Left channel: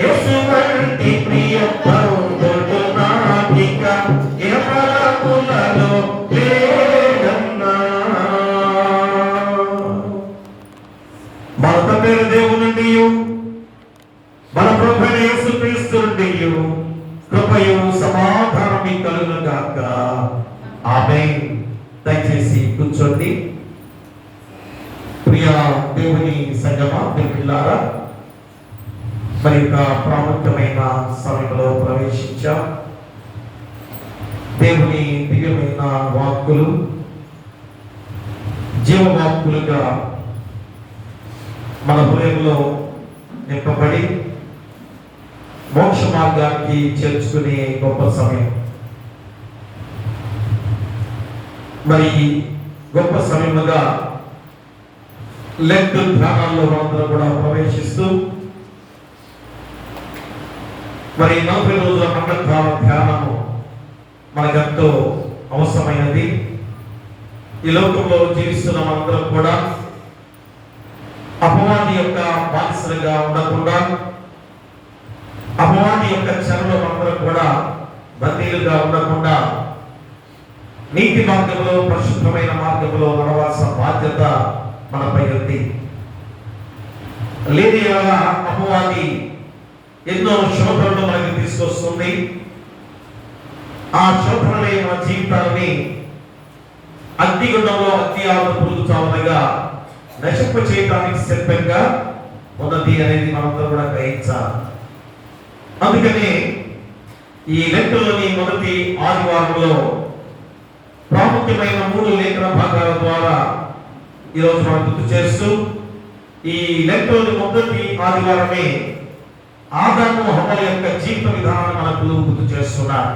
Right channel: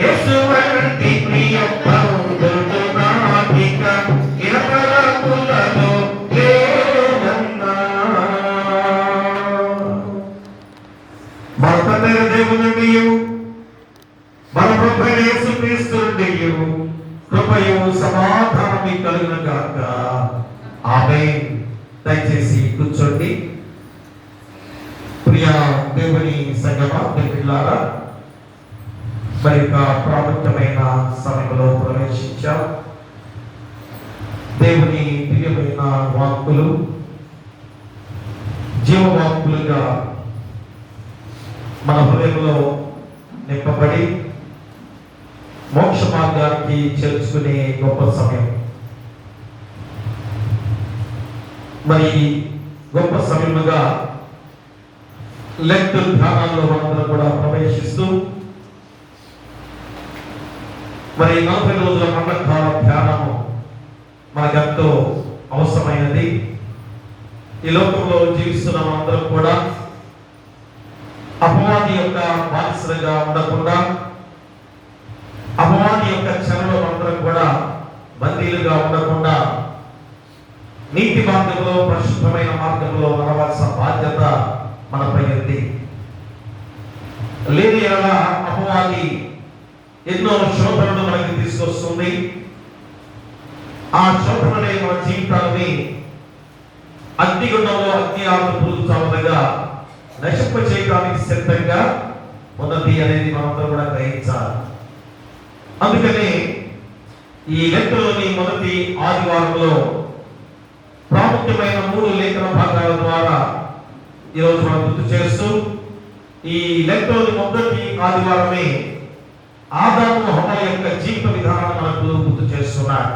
యేసువంటి ప్రియ బంధుడు నాకిక ఇహపరకులలో లేడన్నా. మన తండ్రి దేవుని నుండి మన ప్రభువైన యేసుక్రీస్తు నుండి కృపయు సమాధానము కలుగును గాక. ఆమేన్. దయచేసి కూర్చోండి. ప్రియ దేవుని సంగమా, పిల్లారా, మరి ప్రాముఖ్యమైన సమయంలో ప్రవేశించాం. దేవుని దివ్యమైన వాక్కులు జీవవాక్కులుగా మన హృదయంలో నింపబడి మోక్ష మార్గానికి చేర్చుకునే గొప్ప సమయం. మరి గొప్ప సమయముగా లెంట్ ధ్యానాల్లో మనందరం కూడా ప్రవేశిస్తూ మరి 40 రోజుల మంగళకాల ధ్యానము మనకెంతో అవసరమైనది. ఈ లోకంలో జీవిస్తున్న మనందరం కూడా అపవాది యొక్క బానిసలుగా ఉండకుండా, అపవాది యొక్క చెరలో మనందరం కూడా బందీలుగా ఉండకుండా నీతి మార్గంలో, పరిశుద్ధమైన మార్గంలో నడవాల్సిన బాధ్యత మనపై ఉంది. లేని ఎడల అపవాది ఎన్నో శోధనలు మనకి తీసుకొస్తుంది. ఆ శోధనలే మన జీవితాన్ని అగ్నిగుండంలో అగ్ని ఆరు పురుగు చావదగా నశింప చేయడానికి సిద్ధంగా ఉన్నది అనేది మనందరూ కూడా గ్రహించాలి. అందుకని ఈ లెక్కలోని మొదటి ఆదివారంలో ప్రాముఖ్యమైన 3 లేఖన భాగాల ద్వారా ఈరోజు మనం గుర్తు చేస్తూ, ఈ లెక్కలోని మొదటి ఆదివారమే ఆదాము హవ్వ యొక్క జీవిత విధానాన్ని మనకు గుర్తు చేస్తున్నారు.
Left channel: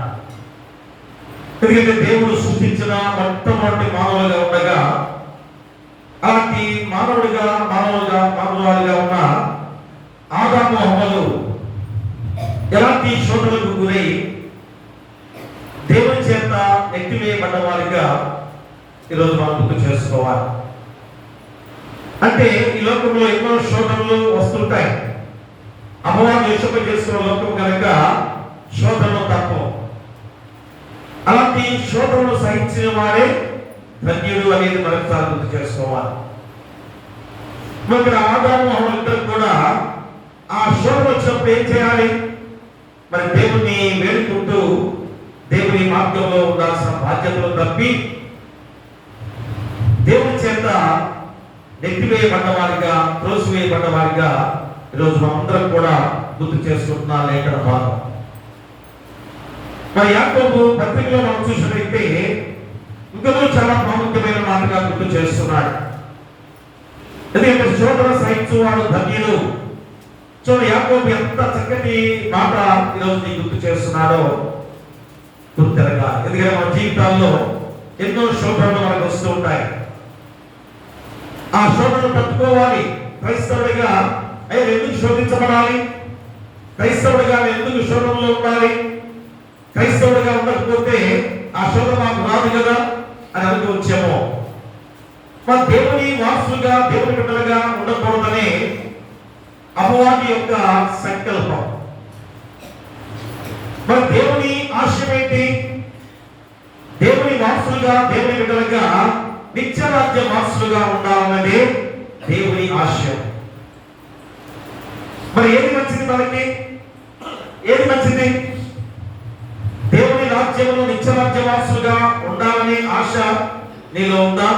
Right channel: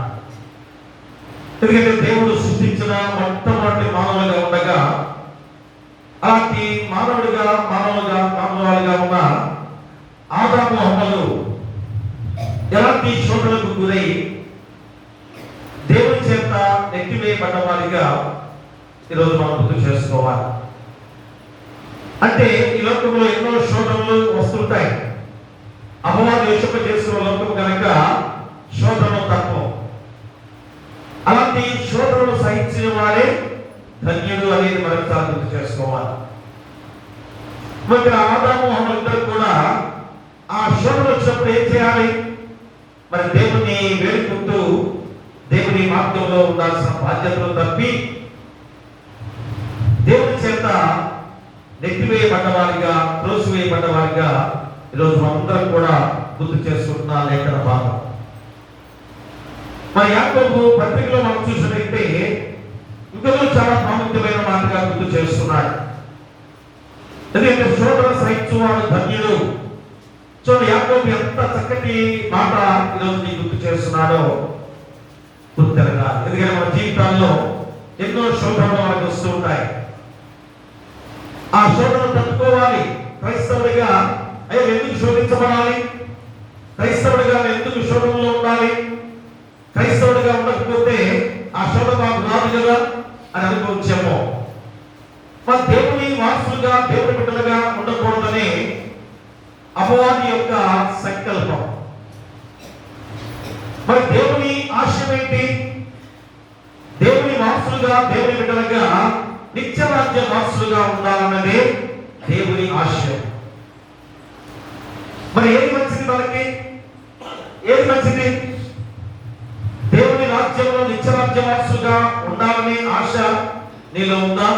ఎందుకంటే దేవుడు సృష్టించిన మొట్టమొదటి మానవులుగా ఉండగా, అలాంటి మానవుడిగా మానవాళిగా ఉన్న ఆదాము హవ్వలు ఎలాంటి శోధనలకు గురై దేవుని చేత నెట్టివేయబడ్డ వారిగా ఈరోజు మనం గుర్తు చేసుకోవాలి. అంటే ఈ లోకంలో ఎన్నో శోధనలు వస్తుంటాయి. అపవాది యోషింప చేసుకున్న లోకం కనుక శోధనలు తప్పవు. అలాంటి శోధనలు సహించిన వాడే ధన్యుడు అనేది మనం చాలా గుర్తు చేసుకోవాలి. మరి ఆదాము హవ్వ ఇద్దరు కూడా ఆ శోధన వచ్చినప్పుడు ఏం చేయాలి? మరి దేవుని వేడుకుంటూ దేవుని మార్గంలో ఉండాల్సిన బాధ్యతలు తప్పి దేవుని చేత నెట్టివేయబడ్డవారిగా, త్రోసివేయబడ్డవారిగా ఈరోజు మనందరం కూడా గుర్తు చేసుకుంటున్న లేఖన భాగం. మరి యాకోబు పత్రికలో మనం చూసినట్లయితే ఇంకనూ చాలా ప్రాముఖ్యమైన మాటగా గుర్తు చేస్తున్నాడు. ఎందుకంటే శోధన సహించువాడు ధన్యుడు. చూడు యాకోబు ఎంత చక్కటి మాట ఈరోజు నీకు గుర్తు చేస్తున్నాడో గుర్తెరగా. ఎందుకంటే మన జీవితాల్లో ఎన్నో శోధనలు మనకు వస్తూ ఉంటాయి. ఆ శోధనలు తట్టుకోవాలి. క్రైస్తవుడిగా అయ్యో ఎందుకు శోధించబడాలి? క్రైస్తవుడిగా ఎందుకు శోధనలో ఉండాలి? క్రైస్తవుడిగా ఉండకపోతే ఆ శోధన నాకు రాదు కదా అని అనుకోవచ్చేమో. మన దేవుని వారసులుగా, దేవుని బిడ్డలుగా ఉండకూడదనే అపవాది యొక్క సంకల్పం. మరి దేవుని ఆశయం ఏంటి? దేవుని వారసులుగా, దేవుని బిడ్డలుగా నిత్యరాజ్య వారసులుగా ఉండాలన్నదే దేవుని ఆశయం. మరి ఏది మంచిది మనకి? ఏది మంచిది? దేవుని రాజ్యంలో నిత్యరాజ్య వారసులుగా ఉండాలని ఆశ నీలో ఉందా?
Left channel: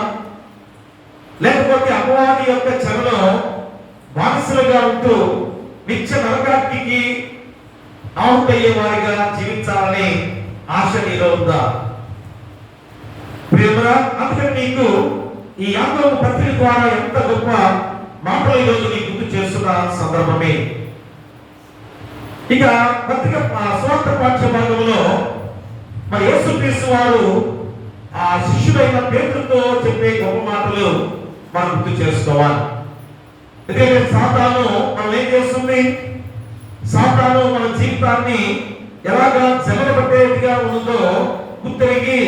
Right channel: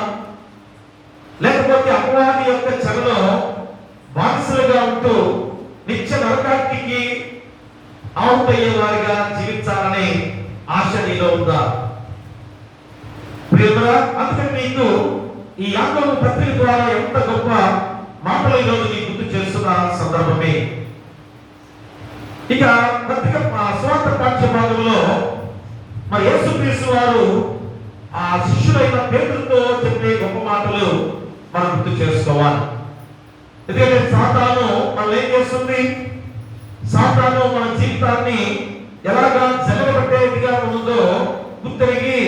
లేకపోతే అపవాది యొక్క చెరలో బానిసలుగా ఉంటూ నిత్య నరకానికి ఆహుతయ్యే వారిగా జీవించాలనే ఆశ నీలో ఉందా? ప్రియమరా, అందుకని నీకు ఈ యాకోబు పత్రిక ద్వారా ఎంత గొప్ప మాటలు ఈరోజు నీకు గుర్తు చేస్తున్న సందర్భమే. ఇక పత్రిక సువార్త పాఠ్య భాగంలో మరి యేసుక్రీస్తు వారు ఆ శిష్యులైన పేతురుతో చెప్పే గొప్ప మాటలు మనం గుర్తు చేసుకోవాలి. ఎందుకంటే సాతాను మనం ఏం చేస్తుంది? సాతాను మన జీవితాన్ని ఎలాగా జగడబట్టేదిగా ఉందో గుర్తిరిగి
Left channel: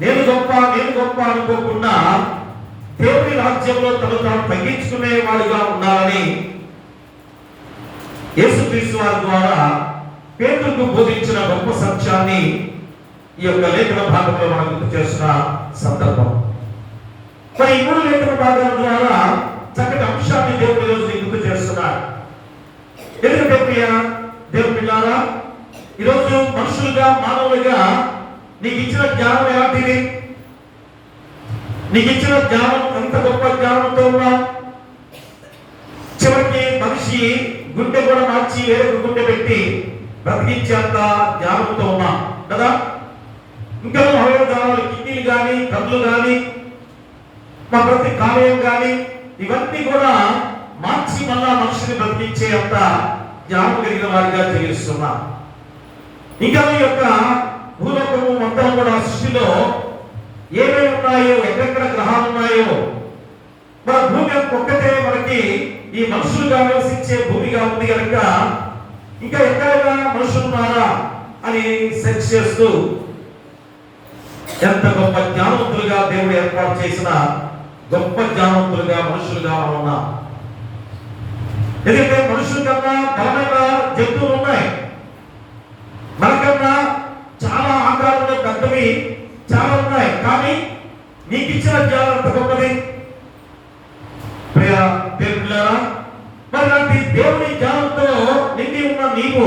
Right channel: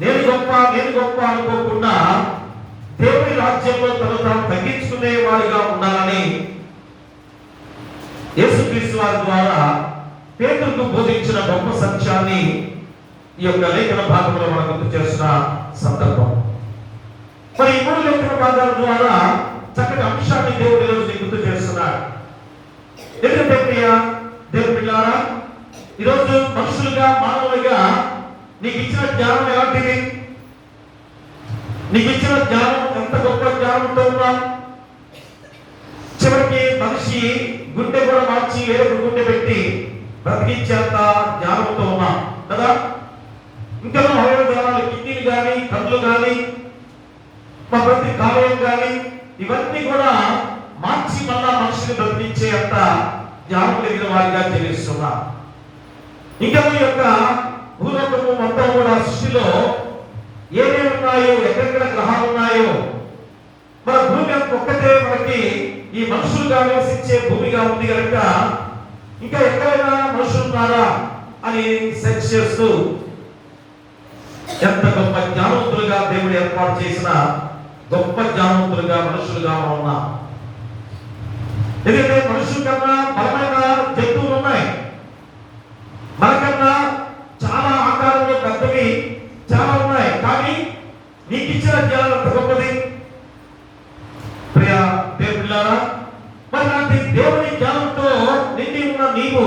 నేను గొప్ప అనుకోకుండా దేవుని రాజ్యంలో తను తాను తగ్గించుకునే వాడిగా ఉండాలని యేసుక్రీస్తు వారి ద్వారా పేతురుకు బోధించిన గొప్ప సత్యాన్ని ఈ యొక్క లేఖన భాగంలో మనం గుర్తు చేస్తున్న సందర్భం. మరి ఈ 3 లేఖన భాగాల ద్వారా చక్కటి అంశాన్ని దేవుడు ఈరోజు గుర్తు చేస్తున్నాడు. ఎందుకంటే ప్రియ దేవుని బిడ్డలారా, ఈరోజు మనుషులుగా మానవులుగా నీకు ఇచ్చిన జ్ఞానం ఎలాంటిది? నీకు ఇచ్చిన జ్ఞానం ఎంత గొప్ప జ్ఞానంతో ఉన్నా చివరికి మనిషి గుండె కూడా మార్చి వేరే గుండె పెట్టి బ్రతికించేంత జ్ఞానంతో ఉన్నా కదా. ఇంకా అవయవాలు, కిడ్నీలు కానీ, కళ్ళు కానీ, మా ప్రతి కాలేయం కానీ ఇవన్నీ కూడా మార్చి మళ్ళా మనిషిని బ్రతికించే అంత జ్ఞానం కలిగిన వారిగా జీవిస్తున్నా. ఇంకా ఈ యొక్క భూలోకము మొత్తం కూడా సృష్టిలో ఏమేమి ఉన్నాయో, ఎక్కడెక్కడ గ్రహాలు ఉన్నాయో, మన భూమి ఒక్కటే మనకి ఈ మనుషులుగా నివసించే భూమిగా ఉంది కనుక ఇంకా ఎక్కడైనా మనుషులు ఉన్నారా అని సెర్చ్ చేస్తూ ఎంత గొప్ప జ్ఞానవంతులుగా దేవుడు ఏర్పాటు చేసిన గొప్ప జ్ఞానవంతులుగా మనుషులుగా మనం ఉన్నాం. ఎందుకంటే మనుషుల కన్నా బలమైన జంతువులు ఉన్నాయి, మనకన్నా చాలా ఆకారంలో పెద్దవి చాలా ఉన్నాయి. కానీ నీకు ఇచ్చిన జ్ఞానం ఎంత గొప్పది ప్రియ దేవుని బిడ్డలారా. మరి లాంటి దేవుని జ్ఞానంతో నిండి ఉన్న నీవు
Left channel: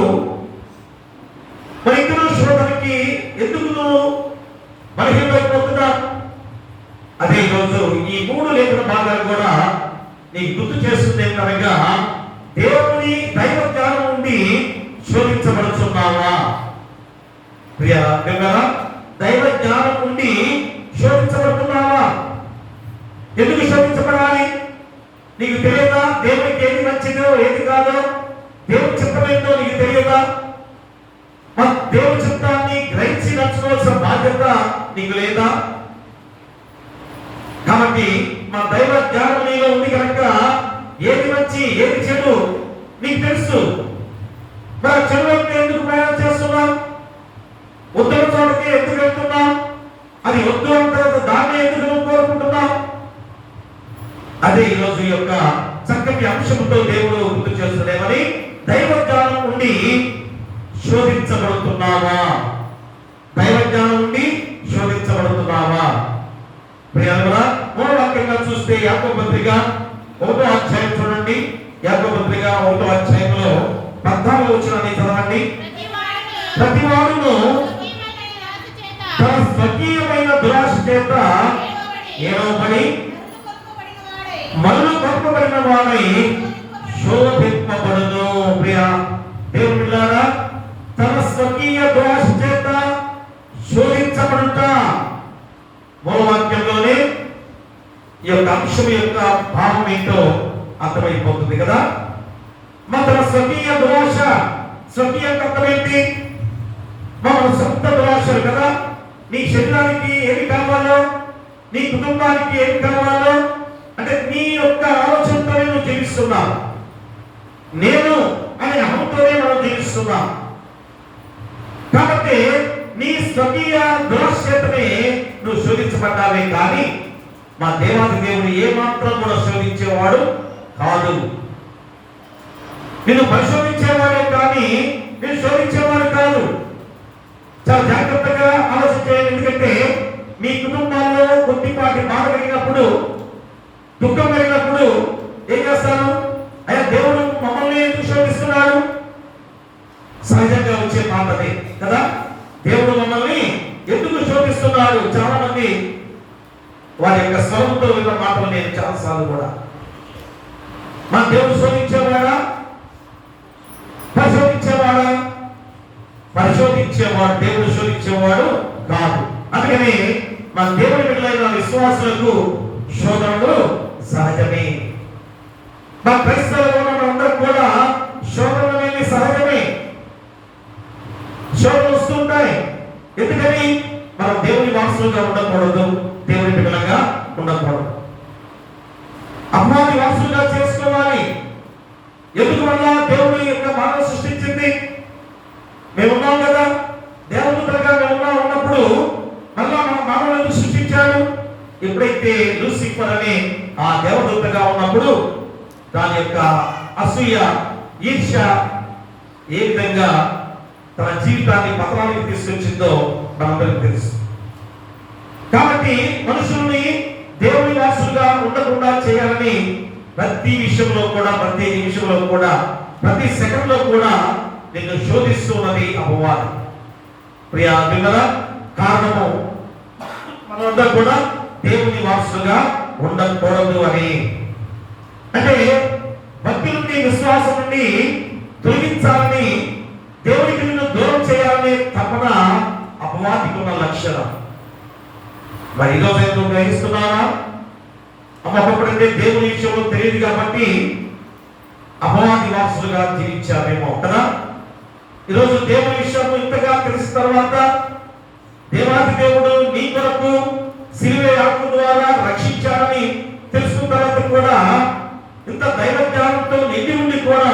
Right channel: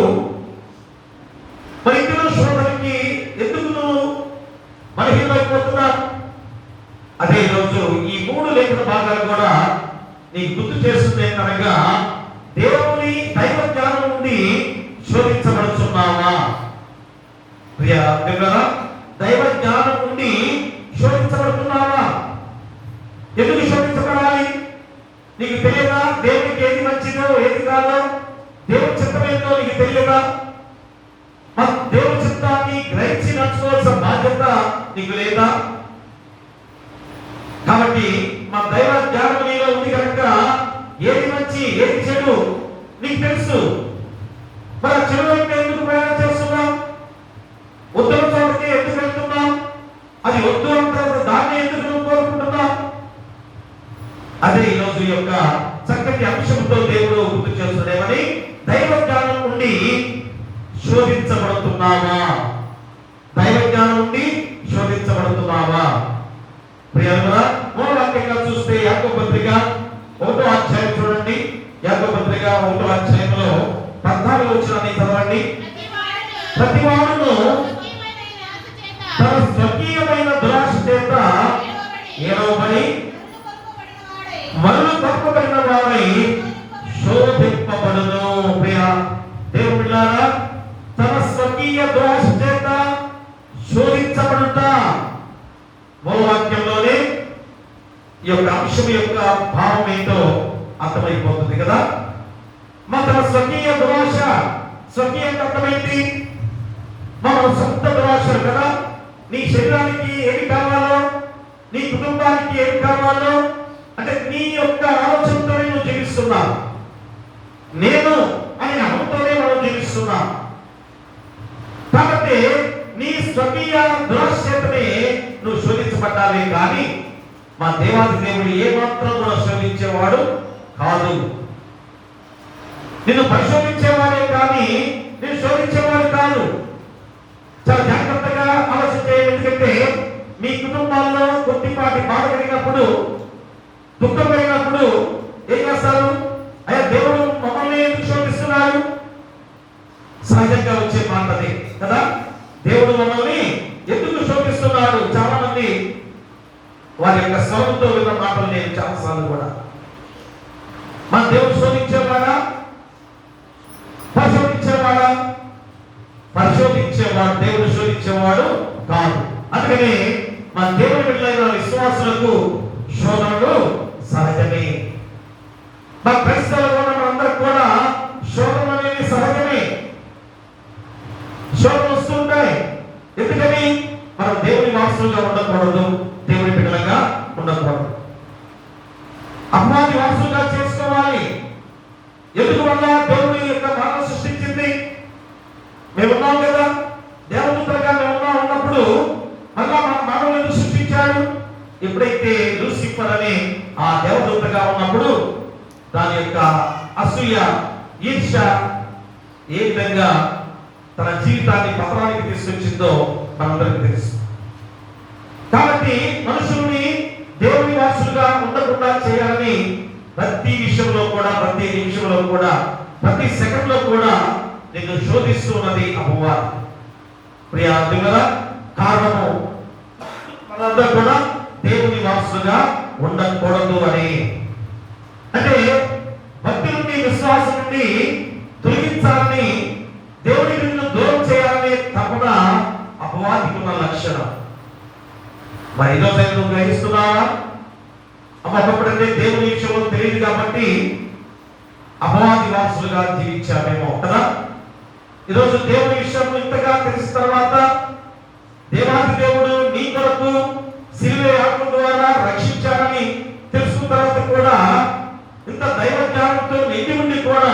మరి ఇందులో శోధనకి ఎందుకు నువ్వు బలహీనమైపోతున్నా? అదే ఈరోజు ఈ 3 లేఖన భాగాలు కూడా నీకు గుర్తు చేస్తుంది కనుక దేవుని దైవ జ్ఞానం నుండి శోధించబడుతున్నావా ప్రియ బిడ్డలారా? దైవ జ్ఞానం నుండి శోధించబడుతున్నావా? ఎందుకు శోధించబడాలి? నీకు తెలియదా దేవునికి ఏది మంచిదో ఏది కాదో? దేవుని చిత్తమేంటో నీకు తెలియదా? దేవుని చిత్తాన్ని గ్రహించి నడుచుకోవాల్సిన బాధ్యత నీకు లేదా? కాబట్టి మా దైవ జ్ఞానం నీలో ఉంది కనుక ఏది మంచి ఏది చెడు నీకు తెలుసు. మరి చెడు వైపు ఎందుకు ప్రయాణం చేస్తున్నాం? ఉత్తమ చోటకి ఎందుకు వెళ్తున్నాం? అది వద్దు అంత దాన్ని ఎందుకు కోరుకుంటున్నాం? అదే ఈరోజు యొక్క చక్కటి అంశంతో దేవుడు గుర్తు చేస్తున్నామని దైవ జ్ఞానం నుండి శోధించబడుతున్నావా? దైవ జ్ఞానం నుండి శోధించబడుతున్నావా? ప్రియరా, మూలవాక్యంగా చూస్తే యాకోబు పత్రిక 1వ అధ్యాయం చూడండి. యాకోబు పత్రిక 1వ అధ్యాయంలో 14వ వచనాన్ని చదవండి. ప్రతివాడును తన స్వకీయమైన దురాశ చేత ఏడవబడి మరలు కప్పబడిన వాడై శోధింపబడును. ప్రియ దేవుని బిడ్డలారా, తన స్వకీయ దురాశ చేత శోధించబడుట మూలవాక్యంలోనే ఈ యొక్క అంశం యొక్క భావం ఏంటో అర్థమైపోతుంది కదా. మన స్వకీయ దురాశ, స్వకీయ తత్వం ఏంటి? మనం సొంత దురాశలు కదా. నీ శరీరానికి ఏమి కావాలో, నీ కుటుంబానికి ఏమి కావాలో, అంటే నీ యొక్క ఆలోచనతోనే నువ్వు జీవిస్తున్నావు. నేను అనే అహంతోనే మనం జీవిస్తున్నాం. కాబట్టి నీ స్వకీయ దురాశతనే నువ్వు శోధించబడ్డావే కానీ మా దేవాది దేవుడు ఏమాత్రం కూడా శోధించేవాడు కాదు. నిన్ను పరిశోధించేవాడే కానీ నేను శోధించేవాడు కాదు. చాలా జాగ్రత్తగా ఆలోచించే. ఎందుకంటే మీ కుటుంబాల్లో కొద్దిపాటి బాధ కలిగినప్పుడు, దుఃఖం కలిగినప్పుడు ఏం చేస్తారు? అయ్యా దేవుడు మమ్మల్ని ఎందుకు శోధిస్తున్నాడు? సహజంగా వచ్చే మాటది కదా. దేవుడు మమ్మల్ని ఎందుకు శోధిస్తున్నాడు? చాలా మంది వారి యొక్క స్వరంతో విన్న మాటలు నేను చాలాసార్లు కూడా, మన దేవుడు శోధించేవాడా? పరిశోధించేవాడా? పరిశోధించేవాడు. దేవుడు శోధించేవాడు కాదు. అందుకని మన దేవుని బిడ్డలైన విశ్వాసులకు శోధనలు సహజమే. మన క్రైస్తవులు అందరూ కూడా శోధనలు అనేవి సహజమే. శోధనలు వస్తుంటాయి. ఎందుకని? మనం దేవుని వారసులుగా ఉండకూడదు, దేవుని బిడ్డలుగా ఉండకూడదు, అపవాది వారసులుగా చేసుకోవాలి. ఎందుకు వల్ల దేవుని యొక్క మానవ సృష్టించింది? మేమున్నాం కదా, దేవదూతలుగా మేమున్నాం. ఉన్నప్పుడు మళ్ళా మన మానవులను సృష్టించాడు. ఎప్పుడైతే లూసిఫర్ అని ఆ దేవదూతగా ఉన్నప్పుడు దాని యొక్క అసూయ, ఈర్ష్య ఏ విధంగా తన జీవితాన్ని పతనానికి తీసుకొచ్చిందో మనందరికీ తెలుసు. కాబట్టి మనుషుల్ని దేవుని వారసులుగా ఉండకుండా చేయాలని ప్రతి విషయంలో కూడా, ప్రతి నిమిషంలో కూడా, ప్రతి సెకండ్ లో కూడా నిన్ను శోధిస్తున్నది అపవాది. ప్రియా పిల్లరా, కారణము మనందరూ కూడా దేవుని వారసులుగా ఉండకూడదు అని. అంటే భక్తి నుండి, విశ్వాసం నుండి తొలగించాలని, దేవునికి నిన్ను దూరం చేయాలని తపన అపవాదికి ఉన్న లక్షణం. మరి ఈరోజు నువ్వు గ్రహిస్తున్నావా? అమ్మప్పుడంటే దేవుని విషయంలో తెలియదు కాబట్టి అపవాది వారసులుగా జీవించామేమో కదా. ఈరోజు దేవుని విషయంలో ఇంతగా తెలిసిన తర్వాత, దేవాది దేవుడు నీ కొరకు శిలువ యాగం ద్వారా రక్షించాడని తెలుసుకున్న తర్వాత కూడా ఇంత దైవ జ్ఞానంతో నిండి ఉండి కూడా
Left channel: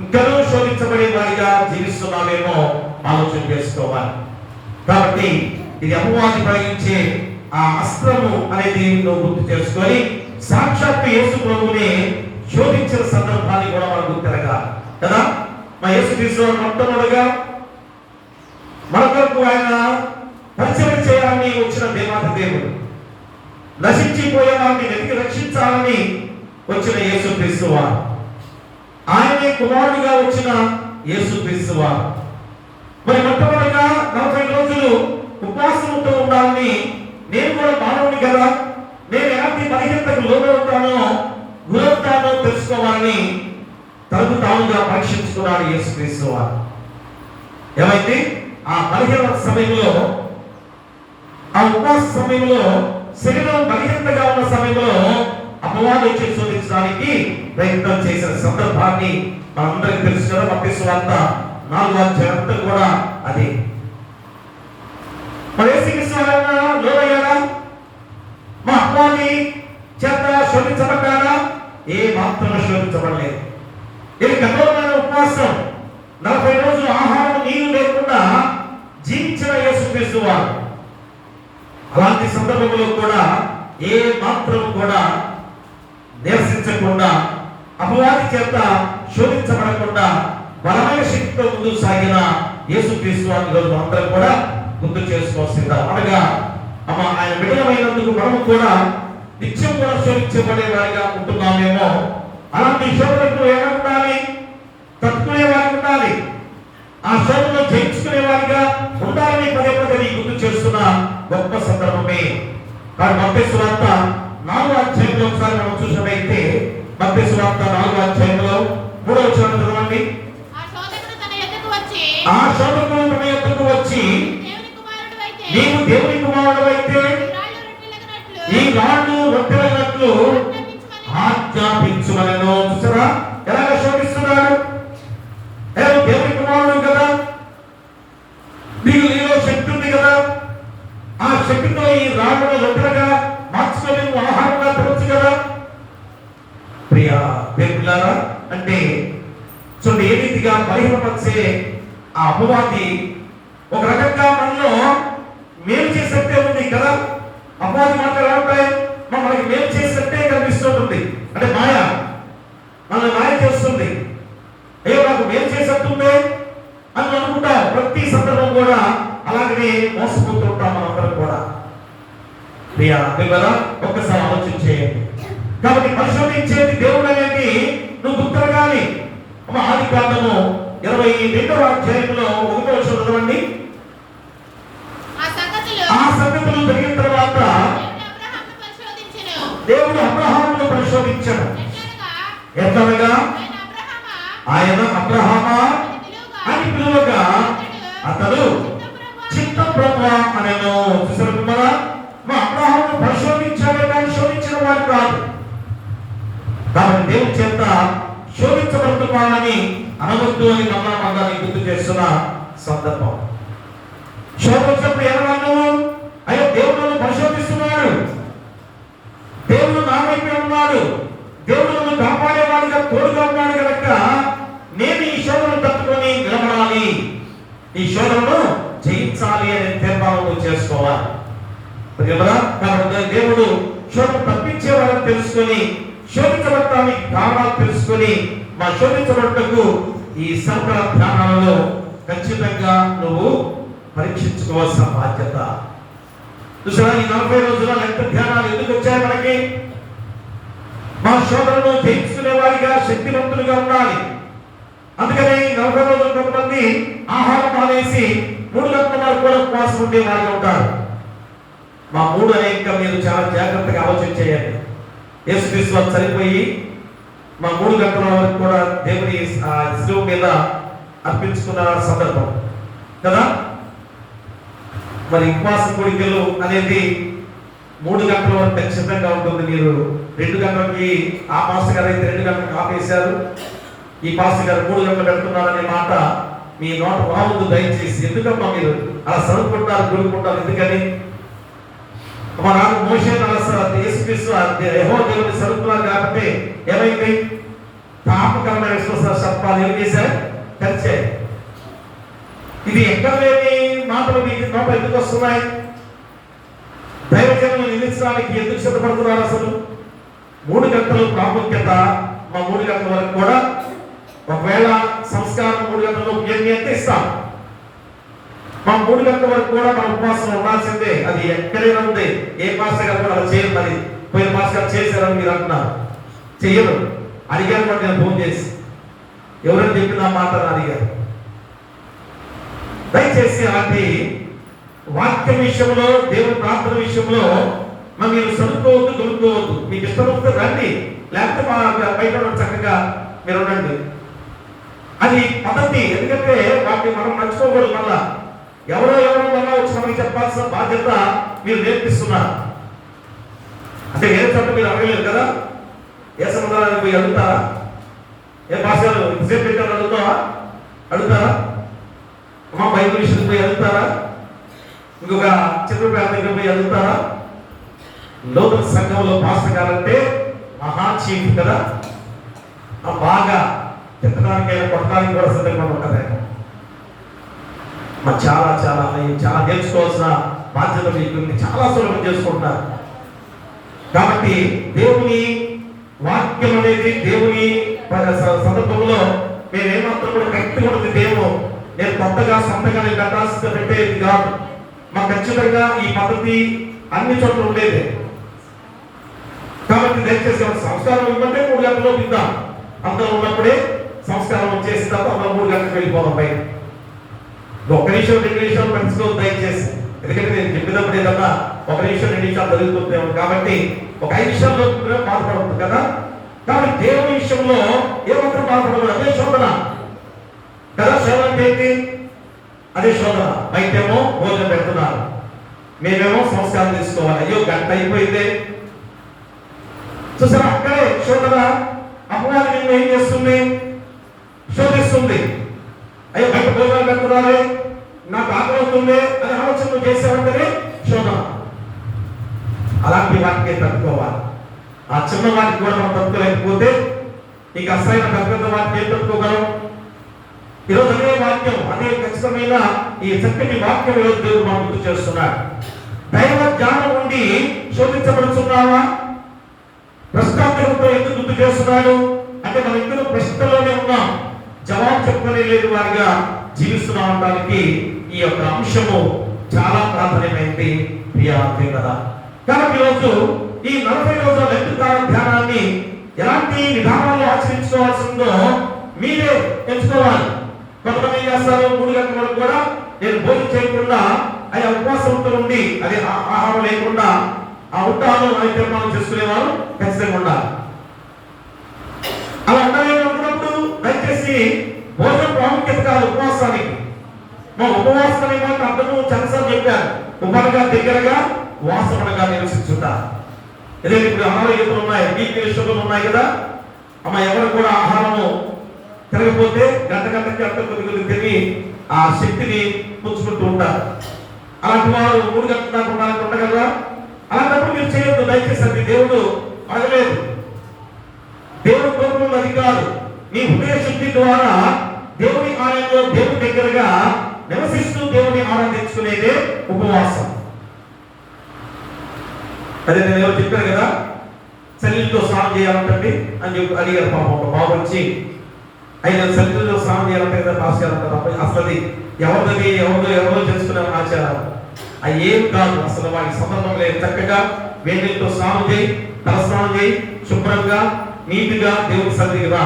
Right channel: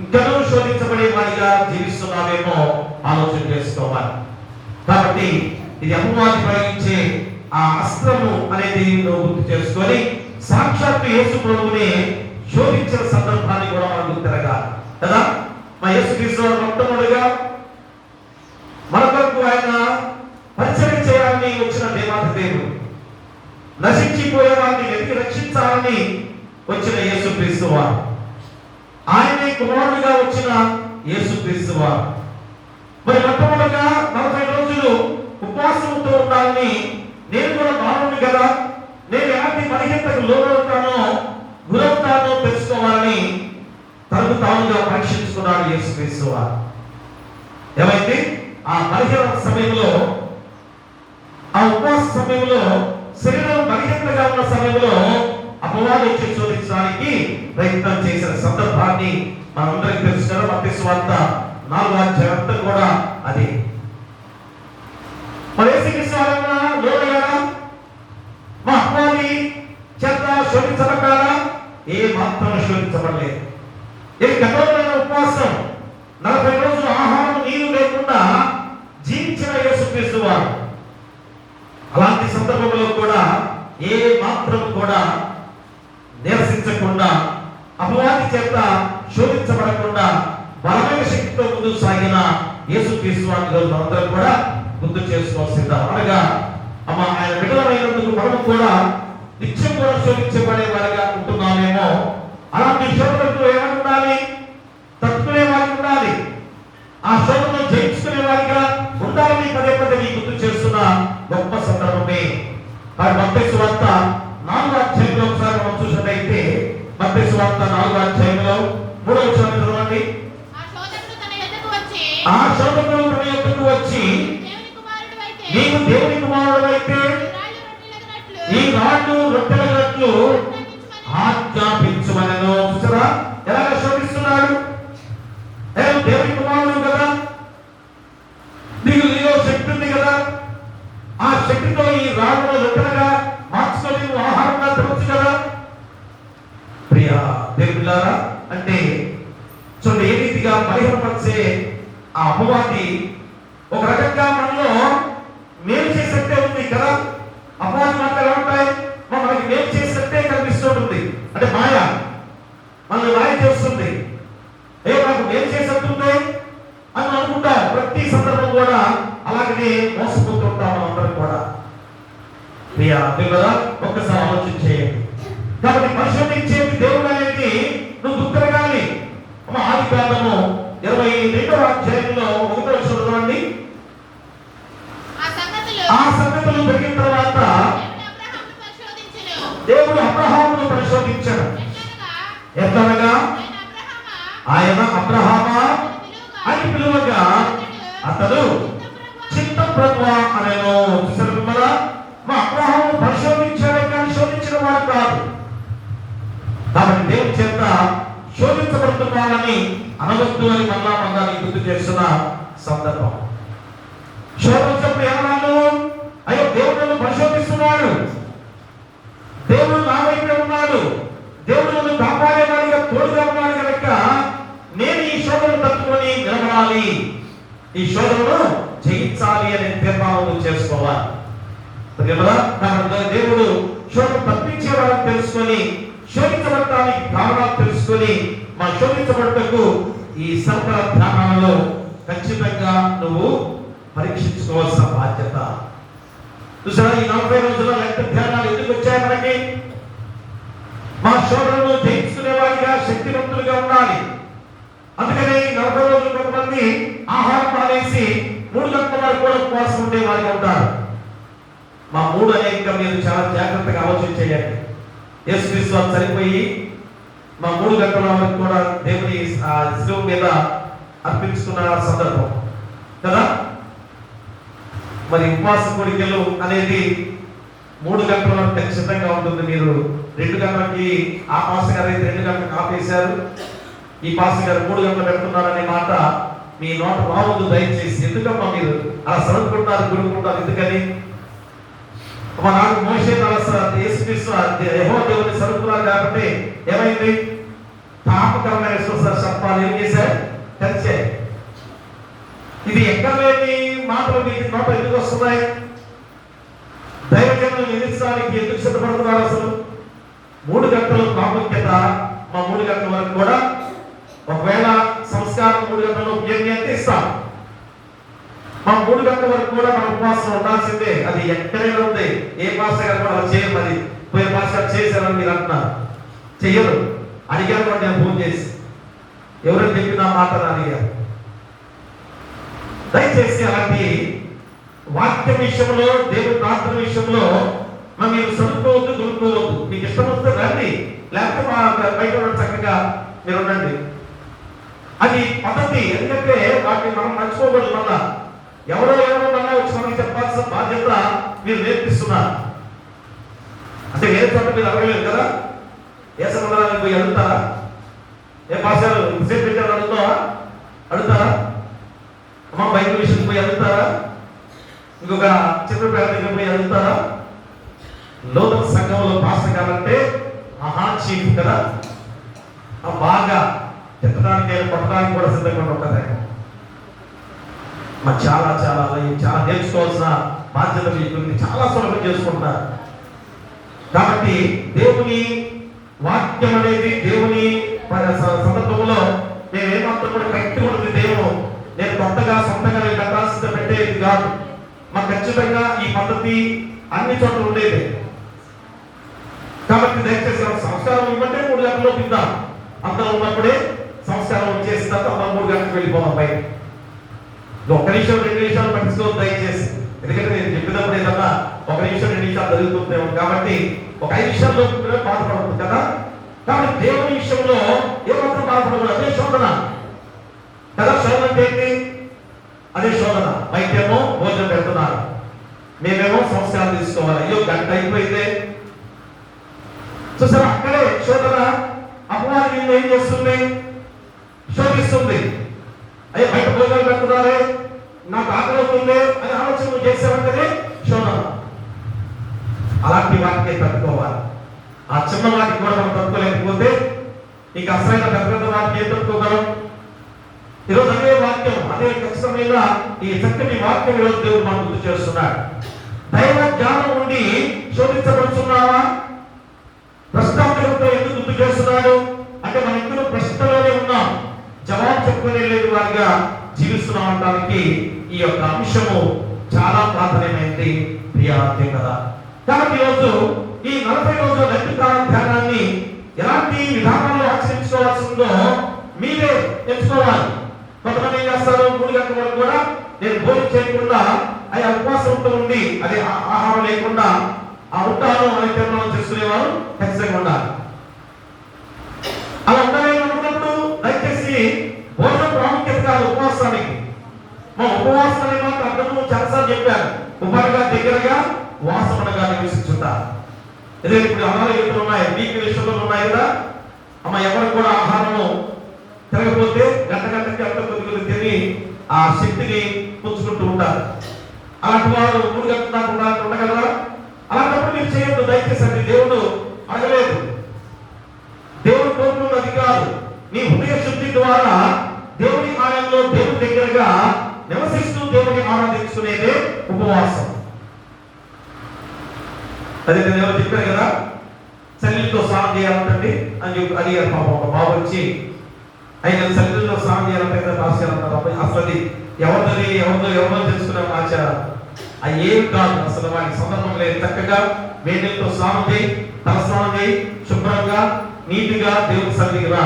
ఇంకనూ శోధించబడే వారిగా జీవిస్తున్నామేమో ఆలోచన చేసుకోవాలి. కాబట్టి ఇది అపవాది ప్రయోగించే ఆ అస్త్రము అనేది నువ్వు గుర్తు చేసుకొని సాక్షాత్తు యేసు ప్రభువుని శోధించిన సందర్భాన్ని కూడా మనం గుర్తిరగాలి కదా. మా యేసు క్రీస్తు మొట్టమొదటిగా మన కొరకు ఆయన పరిచయం చేయాలని వచ్చిన దేవాది దేవుడు, నశించిపోయే వారిని వెతికి రక్షించాలని వచ్చిన యేసు క్రీస్తు వారు, ఆయనే కుమారుడిగా వచ్చిన యేసు క్రీస్తు వారు. మరి మొట్టమొదటిగా 40 రోజులు ఉపవాసంతో ఉండాలని, నేను కూడా మానవుని కదా, నేను ఎలాంటి బలహీనతకు లోనవుతానో గురవుతానో తెలుసుకోవాలని తనకు తానుగా పరీక్షించుకున్నాడు యేసు క్రీస్తు వారు. ఏమైతే ఆ బలహీన సమయంలో, ఆ ఉపవాస సమయంలో, శరీరం బలహీనతగా ఉన్న సమయంలో అపవాది వచ్చి శోధించడానికి ప్రయత్నం చేసిన సందర్భాన్ని మనందరికీ తెలుసు కదా. మత్తయి సువార్త 4వ అధ్యాయం కూడా అదే. మరి యేసుక్రీస్తు లోనయ్యాడా? మా అపవాది చేత శోధించబడ్డాడా? ఏ మాత్రం శోధించబడలేదు. ఇది కఠోరమైన ఉపవాసం, 40 రోజులు ఆహారం నీరు లేకుండా జీవించిన యేసుక్రీస్తు వారు. అలాంటి సందర్భంలో కూడా ఏ మాత్రం కూడా నిరసించకుండా, అపవాది చేత శోధించబడకుండా బలమైన శక్తితో ముందుకు సాగిన యేసుక్రీస్తు వారిని ఈరోజు మనందరం కూడా గుర్తు చేసుకోవాల్సిందా. అనగా ఆయన విడుదలైనందుకు మనము కూడా నిత్యం కూడా శోధించబడే వారిగా ఉంటున్నామేమో. అలాంటి శోధనకు ఏమై ఉండాలి? తట్టుకునే వారికి ఉండాలి. ఆ శోధనను జయించుకునే వారిగా ఉండాలని పదే పదే గుర్తు చేస్తున్న గొప్ప సందర్భమే. మరి మత్తయి సువార్త 4వ అధ్యాయంలో ఒకసారి మనం చూసినట్లయితే, మత్తయి సువార్త 4వ అధ్యాయంలో 3వ వచనం చదవండి. ఆ శోధకుడు తన యొద్దకు వచ్చి, నీవు దేవుని కుమారుడవైతే ఈ రాళ్ళు రొట్టెలగట్లు ఆజ్ఞాపించుమనెను. చూసారా ఎలాగ శోధిస్తున్నాడు? దేవుని కుమారుడు కదా, నీలో శక్తి ఉంది కదా, ఆ శక్తితో ఈ రాళ్ళను రొట్టెలుగా మార్చుకొని ఆహారంగా తినొచ్చు కదా. ప్రియా దేవులారా, అంటే చూడండి ఏ రీతిగా బలహీనపరిచే ఆ అపవాది ఒక రకంగా మనలో మేలు చేసేట్టే ఉంది కదా. అపవాది మాటలు ఎలా ఉంటాయి? మనకి మేలు చేసేట్టే కనిపిస్తూ ఉంటుంది. అంటే మాయ మనల్ని మాయ చేస్తుంది. మాకు మేలు చేసేట్టుంది అని అనుకుంటాం. ప్రతి సందర్భం కూడా అలాగనే మోసపోతుంటాం మనందరం కూడా. ప్రియా దేవుడా, ఒక్కసారి ఆలోచన చేయండి. కాబట్టి పరిశోధించేది దేవుడు అనేది నువ్వు గుర్తురగాలి. ఆదికాండము 22వ అధ్యాయంలో 1వ వచనం చదవండి. ఆ సంగతులు జరిగిన తర్వాత దేవుడు అబ్రహామును పరిశోధించాడు. ఎట్లనగా ఆయన అబ్రహామా అని పిలువగా అతడు చిత్తం ప్రభువా అనెను. చూసారు కదా, మా అబ్రహామును పరిశోధించాడే కానీ శోధించిన వాడు కాదు. కాబట్టి దేవుని చేత శోధించబడుతున్నానని అనవద్దు అని మళ్ళా గుర్తు చేస్తున్న సందర్భం. శోధించినప్పుడు ఏమన్నాను? అయ్యో దేవుడు నన్ను పరిశోధిస్తున్నాడు, దేవుడు నా వైపే ఉన్నాడు, దేవుడు నన్ను కాపాడేవాడిగా తోడుగా ఉన్నాడు కనుక నేను ఈ శోధనను తట్టుకొని నిలబడాలి, ఈ శోధనను జయించాలి అనే తీర్మానం చేసుకోవాలి. కాబట్టి దేవుడు శోధన తప్పించేవాళ్ళని తెలుసుకొని శోధించబడటానికి కారణాలు తెలుసుకొని మా శోధించబడటకు ఈ శ్రమల ధ్యానాలలో ఖచ్చితంగా నువ్వు పరీక్షించుకోవాల్సిన బాధ్యత. చూసారా, ఈ 40 రోజుల లెక్క ధ్యానాలు ఎందుకు వచ్చాయి మనకి? మా శోధనను జయించుకునే వారిగా, శక్తివంతులుగా ఉండాలి. అందుకని 40 రోజులు కొంతమంది ఆహారం మానేసి 3 గంటల వరకు కూడా ఉపవాసం ఉండే వారిగా ఉంటారు. మా 3 అనే ఇంకా మీరు చాలా జాగ్రత్తగా ఆలోచించేయండి. యేసుక్రీస్తు వారు చనిపోయి మా 3 గంటల వరకు కూడా దేవుని శిలువ మీద అర్పించుకున్న సందర్భం కదా. మరి ఉపవాస కోడికలు అనేది 3 గంటల వరకు ఖచ్చితంగా ఉంటుంది. మీరు 2 గంటలకి ఆ పాస్టర్ గారు అయితే 2 గంటలకు ఆపేశారు, ఈ పాస్టర్ గారు 3 గంటలు పెడుతున్నారనే మాట మీ నోట రావద్దు దయచేసి. ఎందుకమ్మా మీరు అలా సరుకుంటారు, గురుకుంటారు? ఎందుకని? మా నాకు మోషే యేసుక్రీస్తు యెహోవా దేవుని సరుకున్నారు కాబట్టి ఏమైంది? తాపకరమైన విశ్వాస సర్పాలు ఏం చేశారు? కలిసాయి. ఇది ఎక్కడ లేని మాటలు మీకు నోట ఎందుకు వస్తున్నాయి? దైవజనులను నిందించడానికి ఎందుకు సిద్ధపడుతున్నారు? అసలు 3 గంటల ప్రాముఖ్యత మా 3 గంటల వరకు కూడా, ఒకవేళ సంస్కారం 3 గంటల్లో ఏమి అంటే ఇస్తాం, మా 3 గంటల వరకు కూడా మన ఉపవాసం ఉండాల్సిందే. అది ఎక్కడైనా ఉంది. ఏ పాస్టర్ గారు కూడా అలా చేయరు. మరి పోయిన పాస్టర్ గారు చేశారని మీరు అంటున్నారు, చెయ్యరు. అడిగారు నేను ఫోన్ చేసి, ఎవరైనా చెప్పిన మాట అడిగారు. దయచేసి అలాంటి వాక్యం విషయంలో, దేవుని ప్రార్థన విషయంలో మీరు చదువుకోవద్దు, దొరుకోవద్దు. మీకు ఇష్టమైతే రండి, లేకపోతే మా బయట చక్కగా మీరు ఉండండి. అది పద్ధతి. ఎందుకంటే వాటిని మనం మర్చిపోకూడదు. మళ్ళా ఎవరో వల్ల వచ్చి మనకి చెప్పాల్సిన బాధ్యత మీరు నేర్పిస్తున్నారు. అంటే వేరే చోట మీరు అడగలేదు కదా. ఏ సముద్రానికి పోయి అడుగుతారా? ఏ భాషలు విజయం పెట్టారు అడుగుతారా? మా బైబిల్ విషయం పోయి అడుగుతారా? ఇంకొక చిత్రపేట దగ్గర పోయి అడుగుతారా? లోతన సంఘంలో పాస్టర్ గారంటే మహా చీఫ్ కదా. బాగా తిట్టడానికైనా కొట్టడానికి కూడా సిద్ధంగా ఉంటుంది. మరి చాలా చాలా చాలా నేర్చుకోవాల్సిన బాధ్యత మీకు చాలా సులభం చేసుకుంటున్నారు. కాబట్టి దేవుని వాక్యం అనేది దేవుని సందర్భంలో మేము ఏమాత్రం కూడా కరెక్ట్గా ఉంటుంది. నేను కొత్తగా సొంతంగా కట్టాల్సిన పెట్టేది కాదు. మాకు ఖచ్చితంగా ఈ పద్ధతి అన్ని చోట్ల ఉండేది. కాబట్టి దయచేసి సంస్కారం ఉందంటే 3 గంటల్లో తిందాం. అందరూ ఉన్నప్పుడే సంస్కారం వచ్చేసిన తర్వాత మనం 3 గంటలకు వెళ్ళిపోదాం పై. 1 నిమిషం 2 నిమిషాలు పట్టించుకోవద్దు దయచేసి. ఎందుకంటే నేను చెప్పినప్పుడు ఏదన్నా 1 నిమిషం 2 నిమిషాలు జరుగుతుందేమో కాబట్టి ఒక 5 నిమిషాల్లో బాధపడదు కదా. కాబట్టి దేవుని విషయంలో ఏమాత్రం బాధపడదు. అదే శోధన కదా. శోధన అంటే ఏంటి? అదే శోధన. బయటేమో భోజనం పెడుతున్నారు, మేమేమో సంస్కారం తీసుకోవాలి. అయ్యో గంట అయిపోయిందే. చూసారా, అక్కడే శోధన. అపవాదం ఏం చేస్తుంది? శోధిస్తుంది. అయ్యో బయట భోజనాలు పెడుతున్నారే, నాకు ఆకలి అవుతుంది అని ఆలోచన నువ్వు చేసావంటేనే శోధన. అలాంటి వాటికి తట్టుకోవాలి. ఆ చిన్న వాటికి కూడా మనం తట్టుకోలేకపోతే నీకు అసలైన పెద్ద వాటికి ఏం తట్టుకోగలం? ఈరోజు అదే వాక్యం, అదే ఖచ్చితమైన ఈ చక్కటి వాక్యం ఈరోజు దేవుడు మనం గుర్తు చేస్తున్నాడు. దైవ జ్ఞానం ఉండి శోధించబడుతున్నావా? ప్రశ్నార్థంతో ఎందుకు గుర్తు చేస్తున్నాడు అంటే మన ఇందులో ప్రశ్నలోనే ఉన్నాం, జవాబు చెప్పుకునే లేదు వారిగా జీవిస్తున్నాం అనడానికి ఈ యొక్క అంశము చాలా ప్రాధాన్యమైనది ప్రియార్థం కదా. కాబట్టి ఈరోజు ఈ 40 రోజుల లెక్కకాల ధ్యానాన్ని ఎలాంటి విధానంలో ఆచరించుకోవాల్సిందో మీరే ఎంచుకోవాలి. కొంతమంది ఏం చేస్తారు? 3 గంటల వరకు కూడా నేను భోజనం చేయకుండా అది ఉపవాసంతో ఉండి అది ఆహారం లేకుండా ఉంటాను అని తీర్మానం చేసుకునేవారు ఖచ్చితంగా ఉండాలి. అలా ఉన్నప్పుడు దయచేసి భోజనం ప్రాముఖ్యత కాదు ఉపవాసానికి. మా ఉపవాసాన్ని మాట అర్థము చాలాసార్లు చెప్పారు. ఉపనగా దగ్గరగా వాసనగా నివసించుట. ఎందుకంటే ఇప్పుడు అనారోగ్యతలు ఉన్నాయి, బీపీ షుగర్లు ఉన్నాయి కదా. అమ్మ ఎవరు కూడా ఆహారము తిరగపోతే గంటకి అంత కొద్ది తిరిగి ఆ శక్తిని పుచ్చుకుంటూ ఉంటారు. అలాంటి వారు 3 గంటల దాకా ఉండగలరా? అలాంటప్పుడు మీరు చేయొద్దు దయచేసి. అది దేవుడు అడగలేదు. దేవుడు కోరుకున్నది కాదు. నీ హృదయ శుద్ధి ద్వారా దేవుని ఆలయంలో దేవుని దగ్గరగా నివసిస్తూ దేవుని ఆరాధించుకునేదే ఉపవాసం. అదే నేను ఎవరు చెప్పారు కదా, చలితో స్నానం చేయాలంటే అని చెప్పి అడిగారు. పాపం ఒక బాబు వచ్చి అయితే సన్నిధిలో స్నానం చేయాలంటే కదా ఆచారం తప్ప అసలు అది ఎవరో చేసుకునే ఆచారం. అది ఏం కాదు, అసలు వారికి సంబంధం లేదు. చక్కగా వేడితో స్నానం చేయి, తల స్నానం చేయి, శుభ్రంగా నీటిగా దేవుడి సన్నిధికి రా.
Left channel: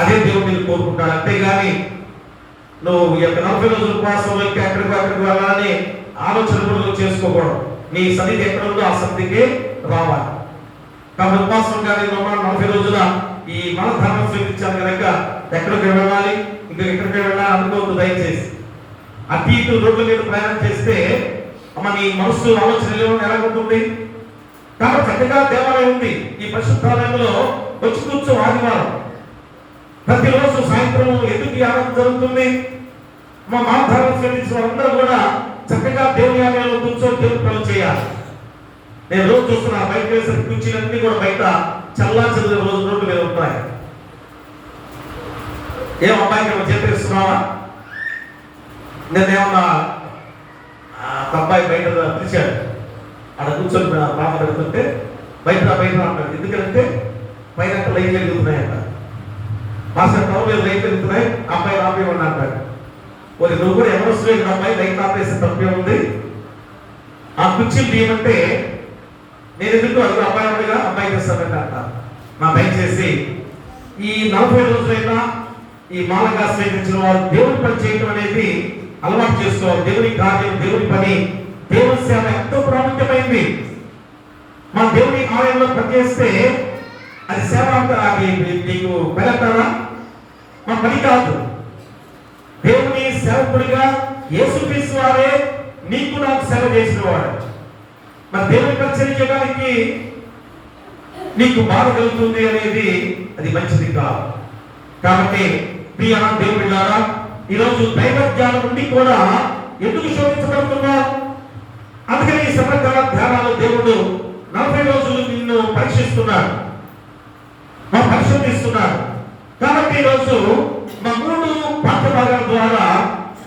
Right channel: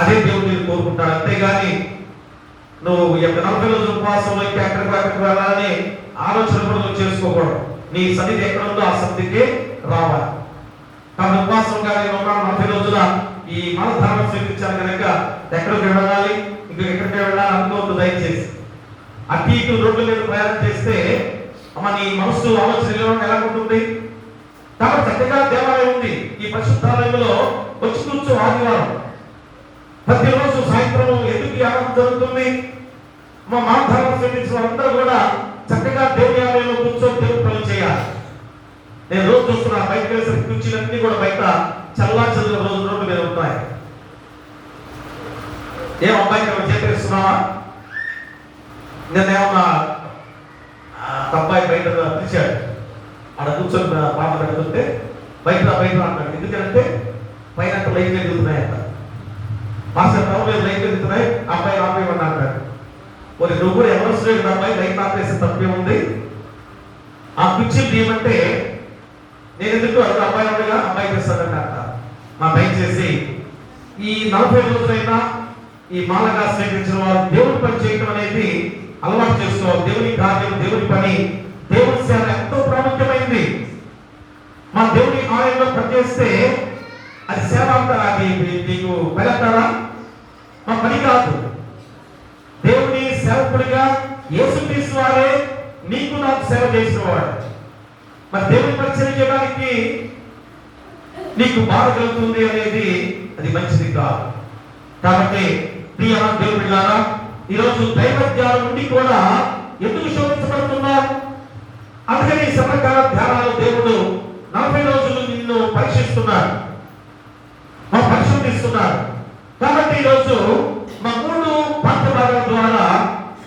అదే దేవుడు నేను కోరుకుంటాడు. అంతేగాని నువ్వు 40 రోజుల ఉపవాసం వచ్చి అక్కడికి వెళ్ళాలని ఆలోచన కూడా నువ్వు చేసుకోకూడదు. నీ సన్నిధి ఎక్కడ ఉందో ఆ సన్నిధికి రావాలి. కాబట్టి ఉపవాసం కానీ 40 రోజుల ఈ మలధారణం స్వీకరించాను కనుక ఎక్కడికి వెళ్ళాలి, ఇంకా ఎక్కడికి వెళ్ళాలి అనుకోవద్దు దయచేసి. అటు ఇటు రోడ్ల మీద ప్రయాణం చేస్తే అమ్మ నీ మనస్సు ఆలోచన ఎలా ఉంటుంది. కాబట్టి చక్కగా దేవాలయం ఉంది, ఈ పరిశుద్ధాలయంలో వచ్చి కూర్చో. ఆదివారం ప్రతిరోజు సాయంత్రం ఎందుకు ఆరాధన జరుగుతుంది. మా మలధారణం స్వీకరించిన వాళ్ళందరూ కూడా చక్కగా దేవుని ఆలయంలో కూర్చో దేవుని పనులు చేయాలి. నేను రోజు చూస్తున్నా బయట వేసిన కుర్చీలన్నీ కూడా బయట చల్లా చల్లిన రోజు రోడ్డు మీద ఉంటాయి. ఏం అబ్బాయికి చేస్తున్నావా? నేనేమన్నా అబ్బాయి బయట పిలిచాడు, అక్కడ కూర్చొని పాట పెడుతుంటే బయట అంటాడు. ఎందుకంటే పైన లైట్లు ఎదుగుతున్నాయంట. మాస్టర్ టౌన్ మీద లైట్లు ఎదుగుతున్నాయి, అబ్బాయి ఆపేయమని అంటాడు. మరి నువ్వు కూడా ఎవరు వస్తుంది అబ్బాయి లైట్ ఆపేసి తప్పే ఉంది. ఆ కుర్చీలు తీయమంటే నేను ఎందుకు అది అబ్బాయి చేస్తానంటే అంట. మా పై చేసి ఈ 40 రోజులైనా ఈ మాలగా స్వీకరించిన వారు దేవుని పని చేయడం అనేది అలవాటు చేసుకోవాలి. దేవుని కార్యం, దేవుని పని, దేవుని సేవ ఎంతో ప్రాముఖ్యమైంది. మా దేవుని ఆలయంలో పనిచేస్తే అది సేవ అంటారా? అది నీకు పెళ్ళంటారా? మా పని కాదు. దేవుని సేవకుడిగా యేసుక్రీస్తు వారే నీకు నాకు సేవ చేసిన వాడు. మరి దేవుని పరిచయం చేయడానికి నీకు బాధ కలుగుతుంది అనేది అది మంచిది కాదు. కాబట్టి ప్రియ దేవుని బిడ్డలారా, ఈరోజు దైవ జ్ఞానం నుండి కూడా ఎందుకు శోధించబడుతున్నావు? అందుకని ఈ సమకాల ధ్యానాలు దేవుడు 40 రోజులు నిన్ను పరీక్షిస్తున్నాడు, పరిశోధిస్తున్నాడు. కాబట్టి ఈరోజు మా 3 పాఠ భాగాల ద్వారా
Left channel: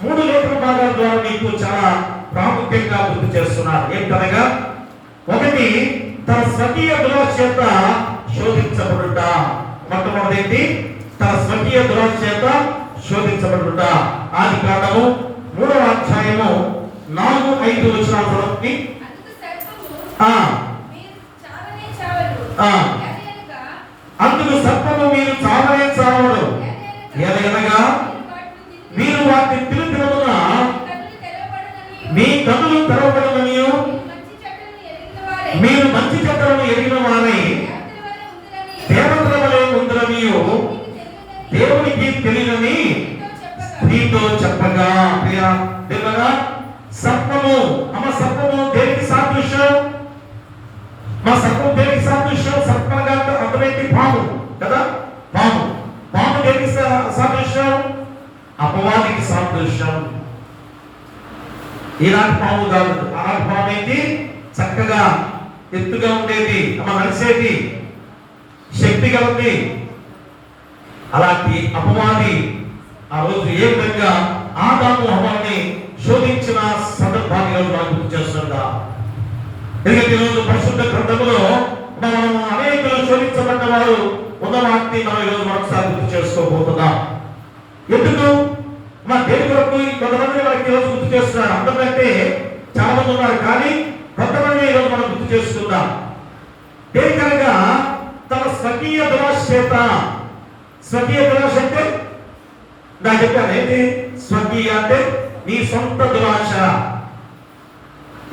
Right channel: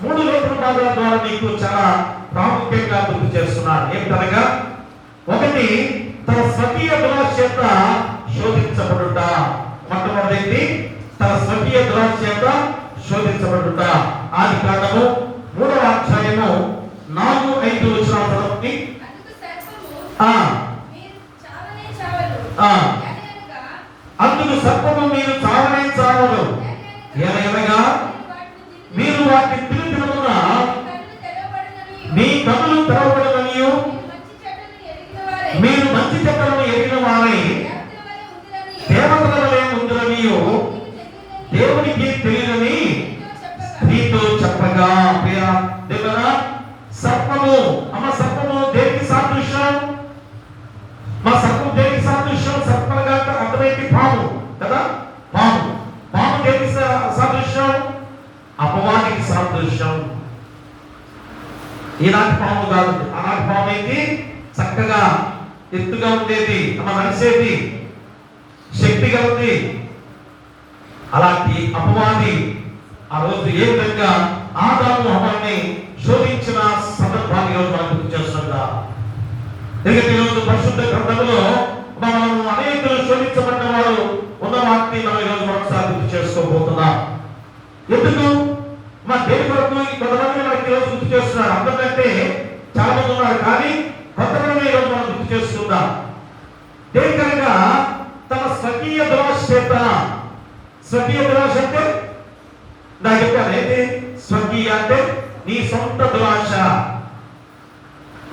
3 లేఖన భాగాల ద్వారా నీకు చాలా ప్రాముఖ్యంగా గుర్తు చేస్తున్నాడు. ఏమిటనగా, ఒకటి తన స్వకీయ దురాశ చేత శోధించబడుట. మొట్టమొదటి తన స్వకీయ దురాశ చేత శోధించబడుట. ఆది కాండము 3వ అధ్యాయము 4-5 వచనాలకి అందుకు సర్పము మీరు చావనే చావడు, ఏదైనా మీరు వాటిని తిరుగుతున్న మీ కన్నులు తెరవబడననియు మీరు మంచి చెడ్డలను ఎరిగిన వారై దేవతల వలె ఉందురనియు దేవునికి తెలియని స్త్రీతో చెప్పగా. దేవుడా, సర్పము సర్పము దేనికి సాదృశ్యం? మా సర్పం దేనికి సాదృశ్యం? సర్పంగా అర్థమైంది పాము కదా. పాము దేనికి సాదృశ్యం? అపవాదికి సాదృశ్యం. ఈనాటి పాము కాదు, ఆనాటి పాము అయితే చక్కగా ఎత్తుగా ఉండేది, నడిచేది, శక్తి కలిగి. అలాంటి అపవాది ఆ రోజు ఏ విధంగా ఆదాము హవ్వని శోధించిన సందర్భాన్ని ఈరోజు మనం గుర్తు చేస్తున్నాం. ఎందుకంటే ఈరోజు పరిశుద్ధ గ్రంథంలో మనం అనేకులు శోధించబడిన వారు ఉన్న వాటిని మనం ఈరోజు మరొకసారి గుర్తు చేసుకోబోతున్నాం. ఎందుకు? మా దేని కొరకు కొంతమంది మనకి ఈరోజు గుర్తు చేస్తున్నారు. అందరికంటే చాలా మంది ఉన్నారు, కానీ కొంతమంది ఈరోజు మనం గుర్తు చేస్తున్నాం. దేనికనగా తన స్వకీయ దురాశ చేత. స్వకీయ దురాశ అంటే నాకు చెప్పాను ఏంటి? స్వకీయ అంటే నీ సొంత దురాశ.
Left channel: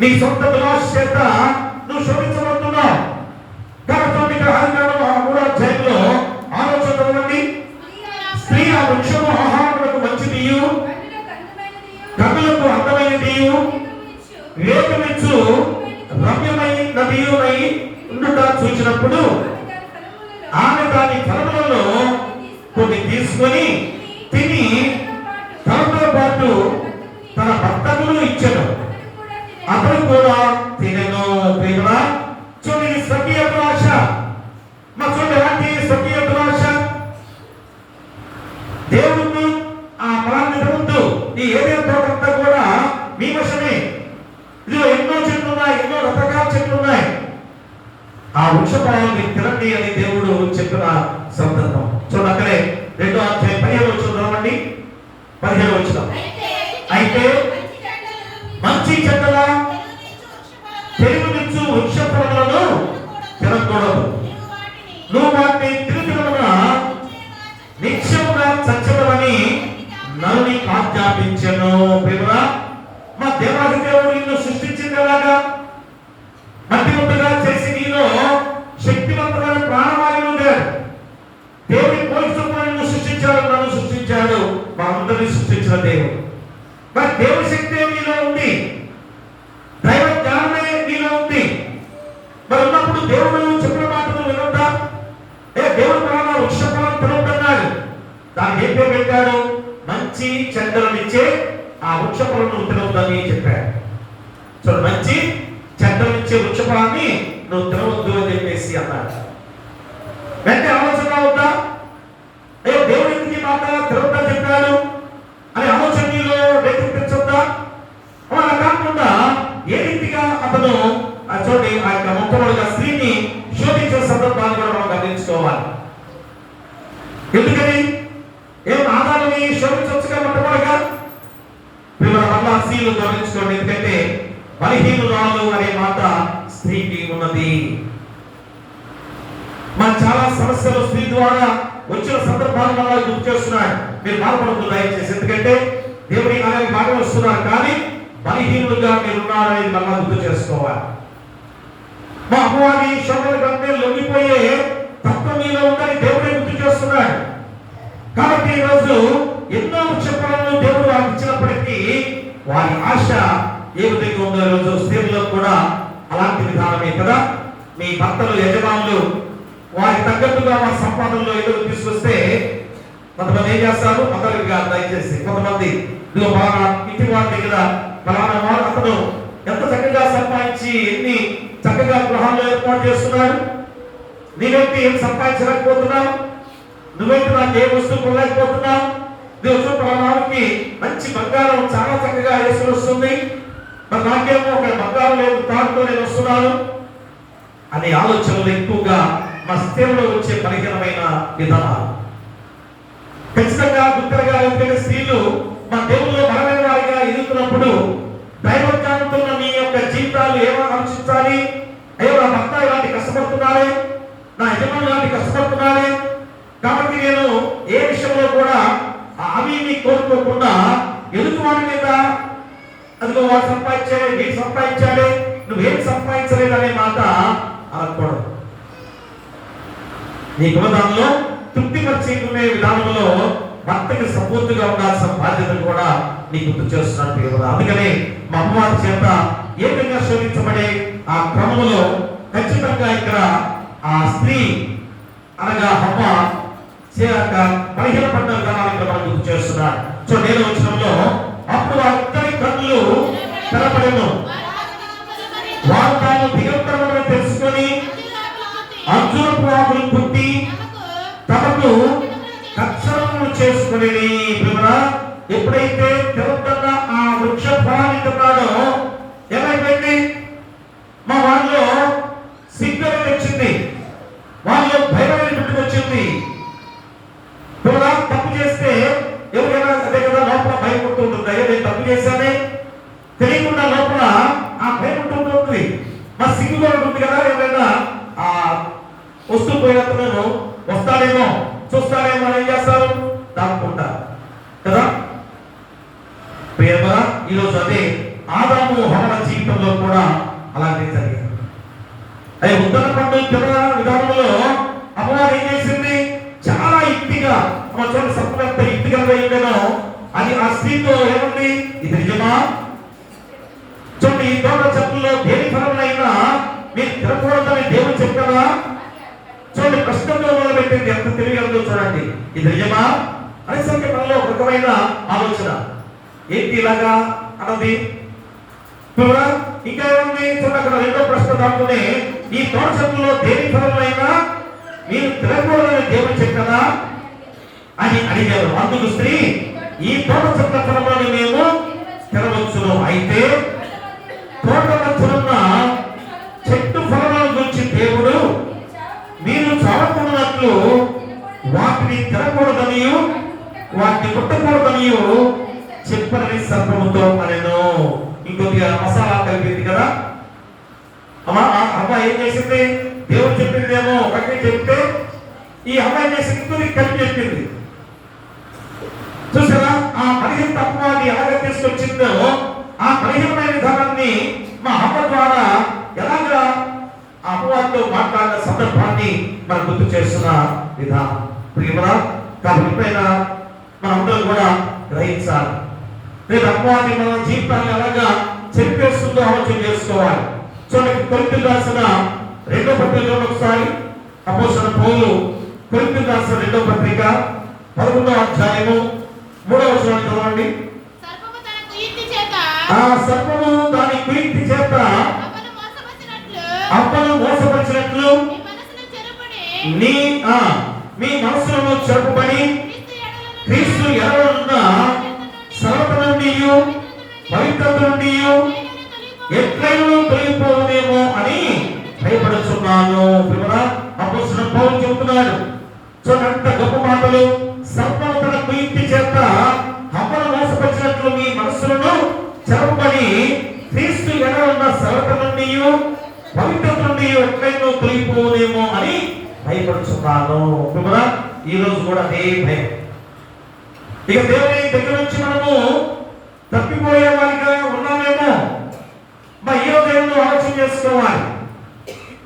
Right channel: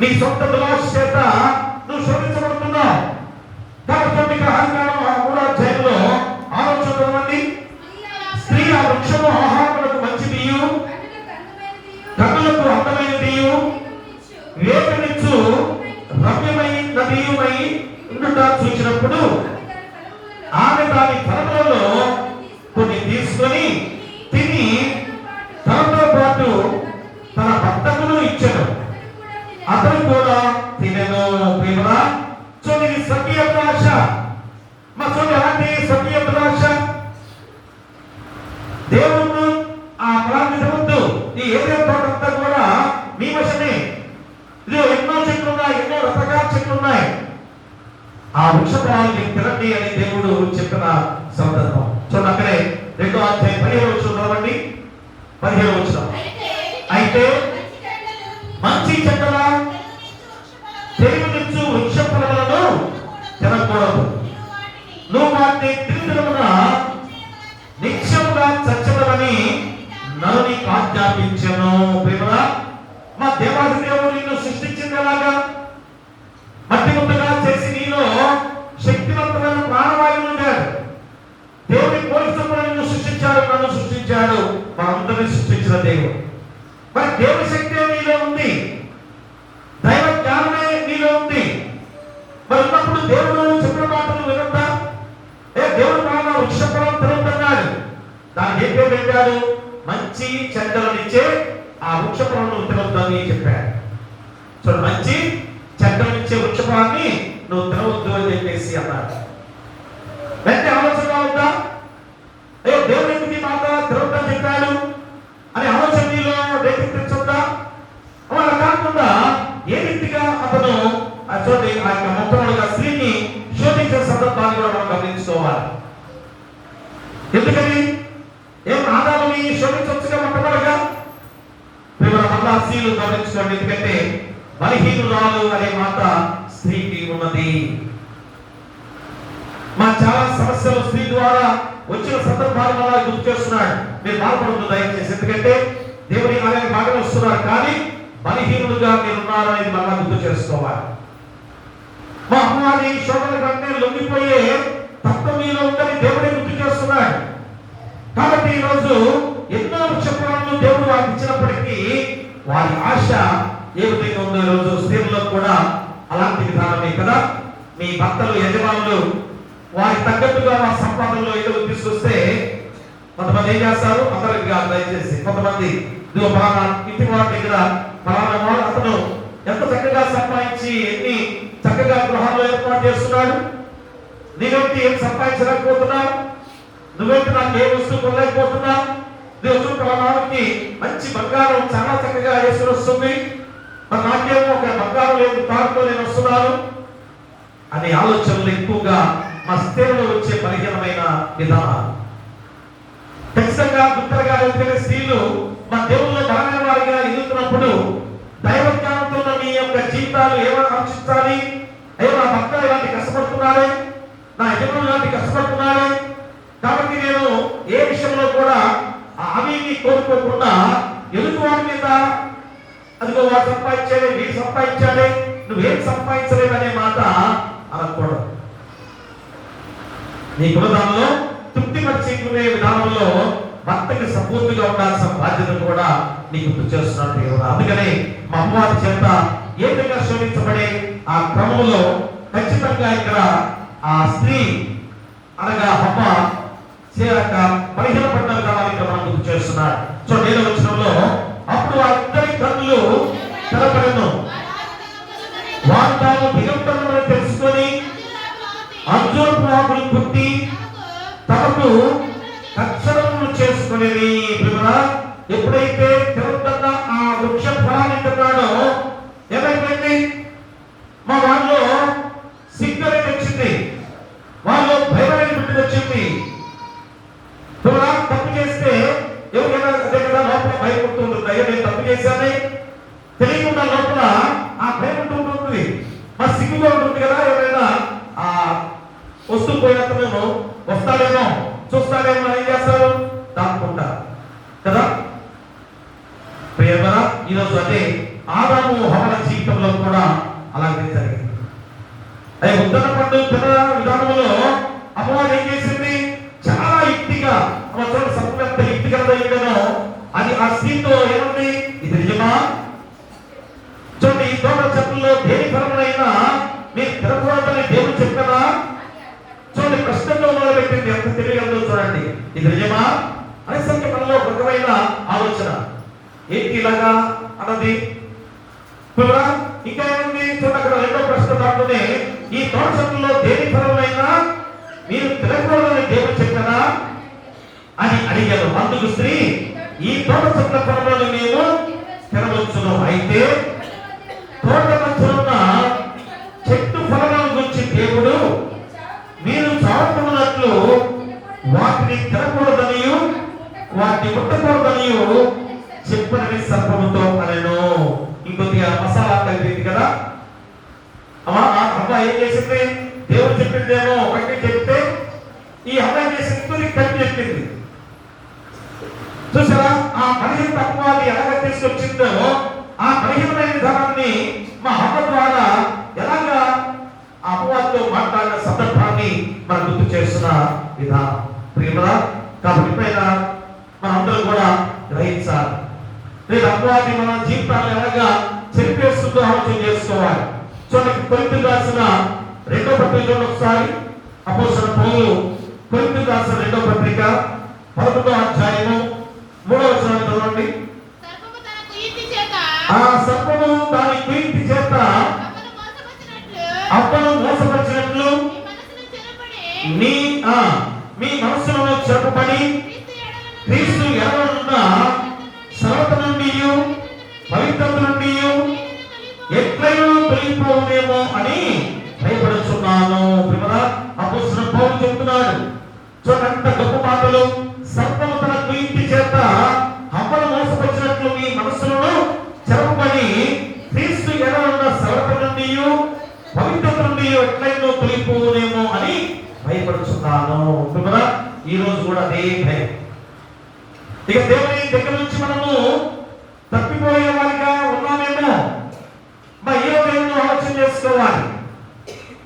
నీ సొంత దురాశ చేత నువ్వు శోధించబడుతున్నావు. కాబట్టి ఆదికాండం 3వ అధ్యాయంలో ఆలోచన, స్త్రీ ఆ వృక్షము ఆహారములకు మంచిదియు కన్నులకు అందమైనదియు వేగమిచ్చు రమ్యమైనదియునై ఉండుట చూసినప్పుడు ఆమె దాని ఫలములలో కొన్ని తీసుకొని తిని తనతో పాటు తన భర్తకును ఇచ్చెను. అతను కూడా తినెను. ప్రియరా, చూడండి స్వకీయ దురాశ. మా చూడండి ఎలాంటి స్వకీయ దురాశ. దేవుడు ఆ ఫలాన్ని తినవద్దు, ఈ ఏదైనా తోటంతా కూడా మీ వశమే. ఇదిగో ఎన్నో చెట్లు ఉన్నాయి, ఎన్నో రకరకాల చెట్లు ఉన్నాయి, ఆ వృక్ష ఫలాన్ని తినండి అని దేవుడు చెప్పిన సందర్భం చూడండి. అక్కడే 2వ అధ్యాయం 15వ వచనం చదవండి. 15వ వచనం. అయితే మంచి చెడ్డల తెలివినిచ్చు వృక్ష ఫలములను తినకూడదు. నువ్వు వాటిని తిరుగుతున్న నిత్యముగా చచ్చడమని నన్ను నీకు ఆజ్ఞాపించెను. ప్రియరా, మా దేవాది దేవుడు నిన్ను సృష్టించిందేలాగా మట్టి ముద్దగా చేసి నీలో శక్తివంతమైన ప్రాణవాయువు ఉండాడు. దేవుని పోలికతో నిన్ను సృష్టించాడు, నన్ను సృష్టించాడు, మనందరినీ సృష్టించిన దేవుడు. మరి దేవుని శక్తి నీలో ఉంది, దైవ జ్ఞానమే నీలో ఉంది. మరి ఉన్నప్పుడు దేవుడు చెప్పిన మాటలు వినొద్దా? దేవుడు మన వృక్ష ఫలం తినొద్దన్నాడు. దానికి ఏం పేరు పెట్టాడు? మంచి చెడ్డలనిచ్చే ఆ వృక్ష ఫలం తినొద్దని చెప్పాడు. చూడు, మంచి చెడ్డలనిచ్చే వృక్ష ఫలాన్ని నువ్వు తినవద్దు అని చెప్పేసి అన్నాడు. వెంటనే ఆలోచన రావద్దా? అయ్యో, దేవుడు ఎందుకు ఈ మాట తినొద్దని చెప్పాడు అనే ఆలోచన నీలో రేకెత్తించొద్దా? అలా కాకుండా ఏ రీతిగా అతను చూడండి ఆ యొక్క మొట్టమొదటిగా స్త్రీని శోధించిన సందర్భాన్ని కూడా మనం గమనించుకోవాలి. ఎందుకని ఆదాముని శోధించవచ్చుగా మొట్టమొదటిగా? మళ్ళా స్త్రీలు గమనించుకోండి. ఎందుకంటే బలహీనురాలు అనే మాట స్త్రీకి ఉన్నది. మన చాలా సమస్యలు స్త్రీ ద్వారా వచ్చిన సందర్భాన్ని మళ్ళా గుర్తు చేస్తున్నాడు. మీరు బాధపడద్దు దయచేసి, ఎందుకంటే దేవుని కార్యానికి బాగా వస్తున్నారు, కానీ బలహీనులుగా మీరు ఉన్నారనేది మళ్ళా గుర్తు చేసుకోవాలి. మా అమ్మవారి శోభల కంటే లొంగిపోయే తత్వం మీలో ఉందని దేవుడే గుర్తు చేస్తున్నాడు. కాబట్టి ఈరోజు ఎన్నో వృక్షఫలాలను దేవుడు వారికి ఇచ్చినప్పటికీ వారి ఆశ ఏ విధంగా ఉందో ఈరోజు స్త్రీలలో కూడా అలాంటి విధానమే కదా. మీ భర్తలు, యజమానులు వారికి తగ్గట్టుగా వారి సంపాదనలో ఏదో తీసుకొస్తే కొంతమంది ఏం చేస్తారు? అందరికి కాదు దయచేసి, కొంతమంది ఇదిగో బాగా ఇంటి వారి దగ్గర ఫలానా వాడు అతను ఎంత చక్కగా సంపాదించి ఎన్ని చక్కగా గృహాల్లో ఏర్పాటు చేస్తున్నాడు, నీవేంటి ఏం సంపాదించలేకపోతున్నావు, నువ్వేంటి నాకు ఏ వస్తువు కొనలేకపోతున్నావు, దేవుడు పరమానికి మంచి బంగారం చాలా చక్కగా వేసుకుని వస్తుంది, మరి నాకేమో ఒక బంగారం లేదు, కారుతో నేను వస్తున్నాను అనే ఆలోచనలు ఎక్కువగా మా స్త్రీలో వచ్చే బలహీనమైన విధానాలు. ఖచ్చితంగా గుర్తుగా, ఎందుకంటే స్త్రీలు మా దేవుళ్ళు బలమైన వారిగా ఎదుగుతున్నప్పుడు దైవ జ్ఞానంతో మీ యొక్క జీవితాలు ఏమైనా ఆలోచించాలి. అయ్యో, నా భర్త ఇలాంటి కష్టపడుతున్నాడే, నా యజమాని ఇలాంటి కష్టపడుతున్నాడే, కాబట్టి నేను ఏ విషయంలో కూడా హామీని కోరుకోకుండా ఎదుటివాడి మీద అదిగో వాడు సంపాదించాలి, వీడు సంపాదించాలి, నువ్వేం సంపాదించలేదు అనే మాట అనకూడదు. నీకున్న దానిలో తృప్తిపరిచేకునే విధానంలో భర్తకి సపోర్టుగా ఉండాల్సిన బాధ్యతను కూడా నీకు గుర్తు చేస్తున్నట్టు కదా. అందుకని మా అమ్మవారి చేత ఏ విధంగా శోధించబడే ఆ క్రమంలో ఖచ్చితంగా ఇక్కడ ఆ స్త్రీ అనగా అమ్మ బలహీనపడ్డ విధానాలు ఇక్కడ మనం గుర్తు చేస్తున్నాడు. చూడండి, 7వ వచనంలో అప్పుడు వారిద్దరి కన్నులు తెరపడెను, వారు తాను దిగంబరులను తెలుసుకొని అంజూరపు ఆకులు పుట్టి తమకు కచ్చరములు చేసుకుని. ఎప్పుడైతే తిరుగుతున్న ఆ వృక్ష ఫలాన్ని తిన్నాడో ఏమైపోయింది? మా వాళ్ళలో సిగ్గులు వచ్చింది, వాళ్ళు భయమైన గుర్తు వచ్చింది. తప్పు చేస్తే ఎవరైనా అదే కదా లోపల భయం ఉంటుంది. అయ్యో, నేను తప్పు చేశానే తెలియకుండా లోపల ఆ భయం ఉంటుంది, మా సిగ్గుగా ఉంటుంది కదా. ఎవరైనా ఆ వస్తూ పోయినప్పుడు వస్తాడేమో, చూస్తాడేమో ఏం చేస్తారు? దాక్కుంటారు కదా. ప్రియరా, ఈరోజు అదే ఆదాము హవ్వ జీవితంలో కూడా అలాంటి జరిగింది. అదే ఉత్తర పండు తిన విధానంలో అమ్మవారు ఏం చేసింది? చాలా యుక్తిగా చూడండి, సంపూర్ణ యుక్తిగా ఉండేనో అది ఆ స్త్రీతో ఏమంది? ఇది నిజమా? చూడండి, ఈ తోట చెట్లలో దేని ఫలమైనా మీరు తినకూడదని దేవుడు చెప్పారా? చూడండి, ప్రశ్నలో మొదలుపెట్టింది, ఎంత తెలియగలదో చూడండి. ఇది నిజమా అనేసరికి మనలో ఒక రకమైన ఆలోచన, ఏంటి ఇలాగా అన్నది. ఇంకా ఏముంది? చూడండి, అక్కడ 2వ ప్రశ్న దాంట్లోనే ఈ తోట చెట్లలో దేని ఫలమైనా మీరు తినకూడదని దేవుడు చెప్పారా అని అడిగారు. అందుకు స్త్రీ, ఈ తోట చెట్ల ఫలములను మేము తినవచ్చును, అయితే తోట మధ్యనున్న చెట్టు ఫలముల గురించి దేవుడు మీరు చావకున్నట్లు వాటిని తినకూడదనియు వాటిని ముట్టకూడదనియు చెప్పనని సర్పముతో అనెను. ఇంకొద్దిగా మసాలా కలిపింది కదా అమ్మ ఏం చేసింది? దేవుడు చెప్పిందేమో ఒకటి చెప్తే ఈ అమ్మాయి చేసి ఇంకొక కలిపి చెప్పింది. చూసారా ఆ బలహీన తత్వాన్ని ఎలాగ తీసుకొచ్చిందో ఆ బలహీనమైన విధానాన్ని మా అమ్మ ద్వారా ఎలాగా ఆ అమ్మవారితో మాట్లాడిన సందర్భాన్ని మనం గుర్తు చేస్తున్న విధానం ప్రియమరా. కాబట్టి ఎప్పుడైనా మనందరం కూడా గ్రహించాలి. నేను అమ్మవారిని మన జీవితాన్ని ఎలాగా చెరిపేస్తుందో ఆలోచన చేసుకోవాలి. చూడండి, కొరింథీయులకు రాసిన 2వ పత్రిక ఒకసారి అపోస్తలుడైన పౌలు కొరింథీయులకు రాసిన 2వ పత్రిక 11వ అధ్యాయము 3వ వచనాన్ని చదవండి. సర్పము దాని కీర్తి చేత అప్పను మోసపరిచినట్లు మీ మనసులను చెరపబడి క్రీస్తు ఎడల సరళత నుండి పవిత్రత నుండి ఎట్లయినా తొలగిపోదేమో అని భయపడుతున్నాను. అపోస్తలుడైన పౌలు చెబుతున్నాడు. చూడండి, అంత గొప్ప మాటలు. సర్పము తన కీర్తి చేత అప్పను మోసపరిచినట్లు మీ మనసులను చెరపబడి క్రీస్తు ఎడల ఉన్న సరళత నుండి పవిత్రత నుండి ఎట్లయినా తొలగిపోదేమో అని భయపడుతున్నాను. ఈ రోజు కూడా అదే భయం. ఇక దేవుని దగ్గర నుంచి మనము తప్పిపోయే వారిగా ఉన్నామేమో ఈ రోజు ఏమో ఆలోచన చేసుకోవాలి.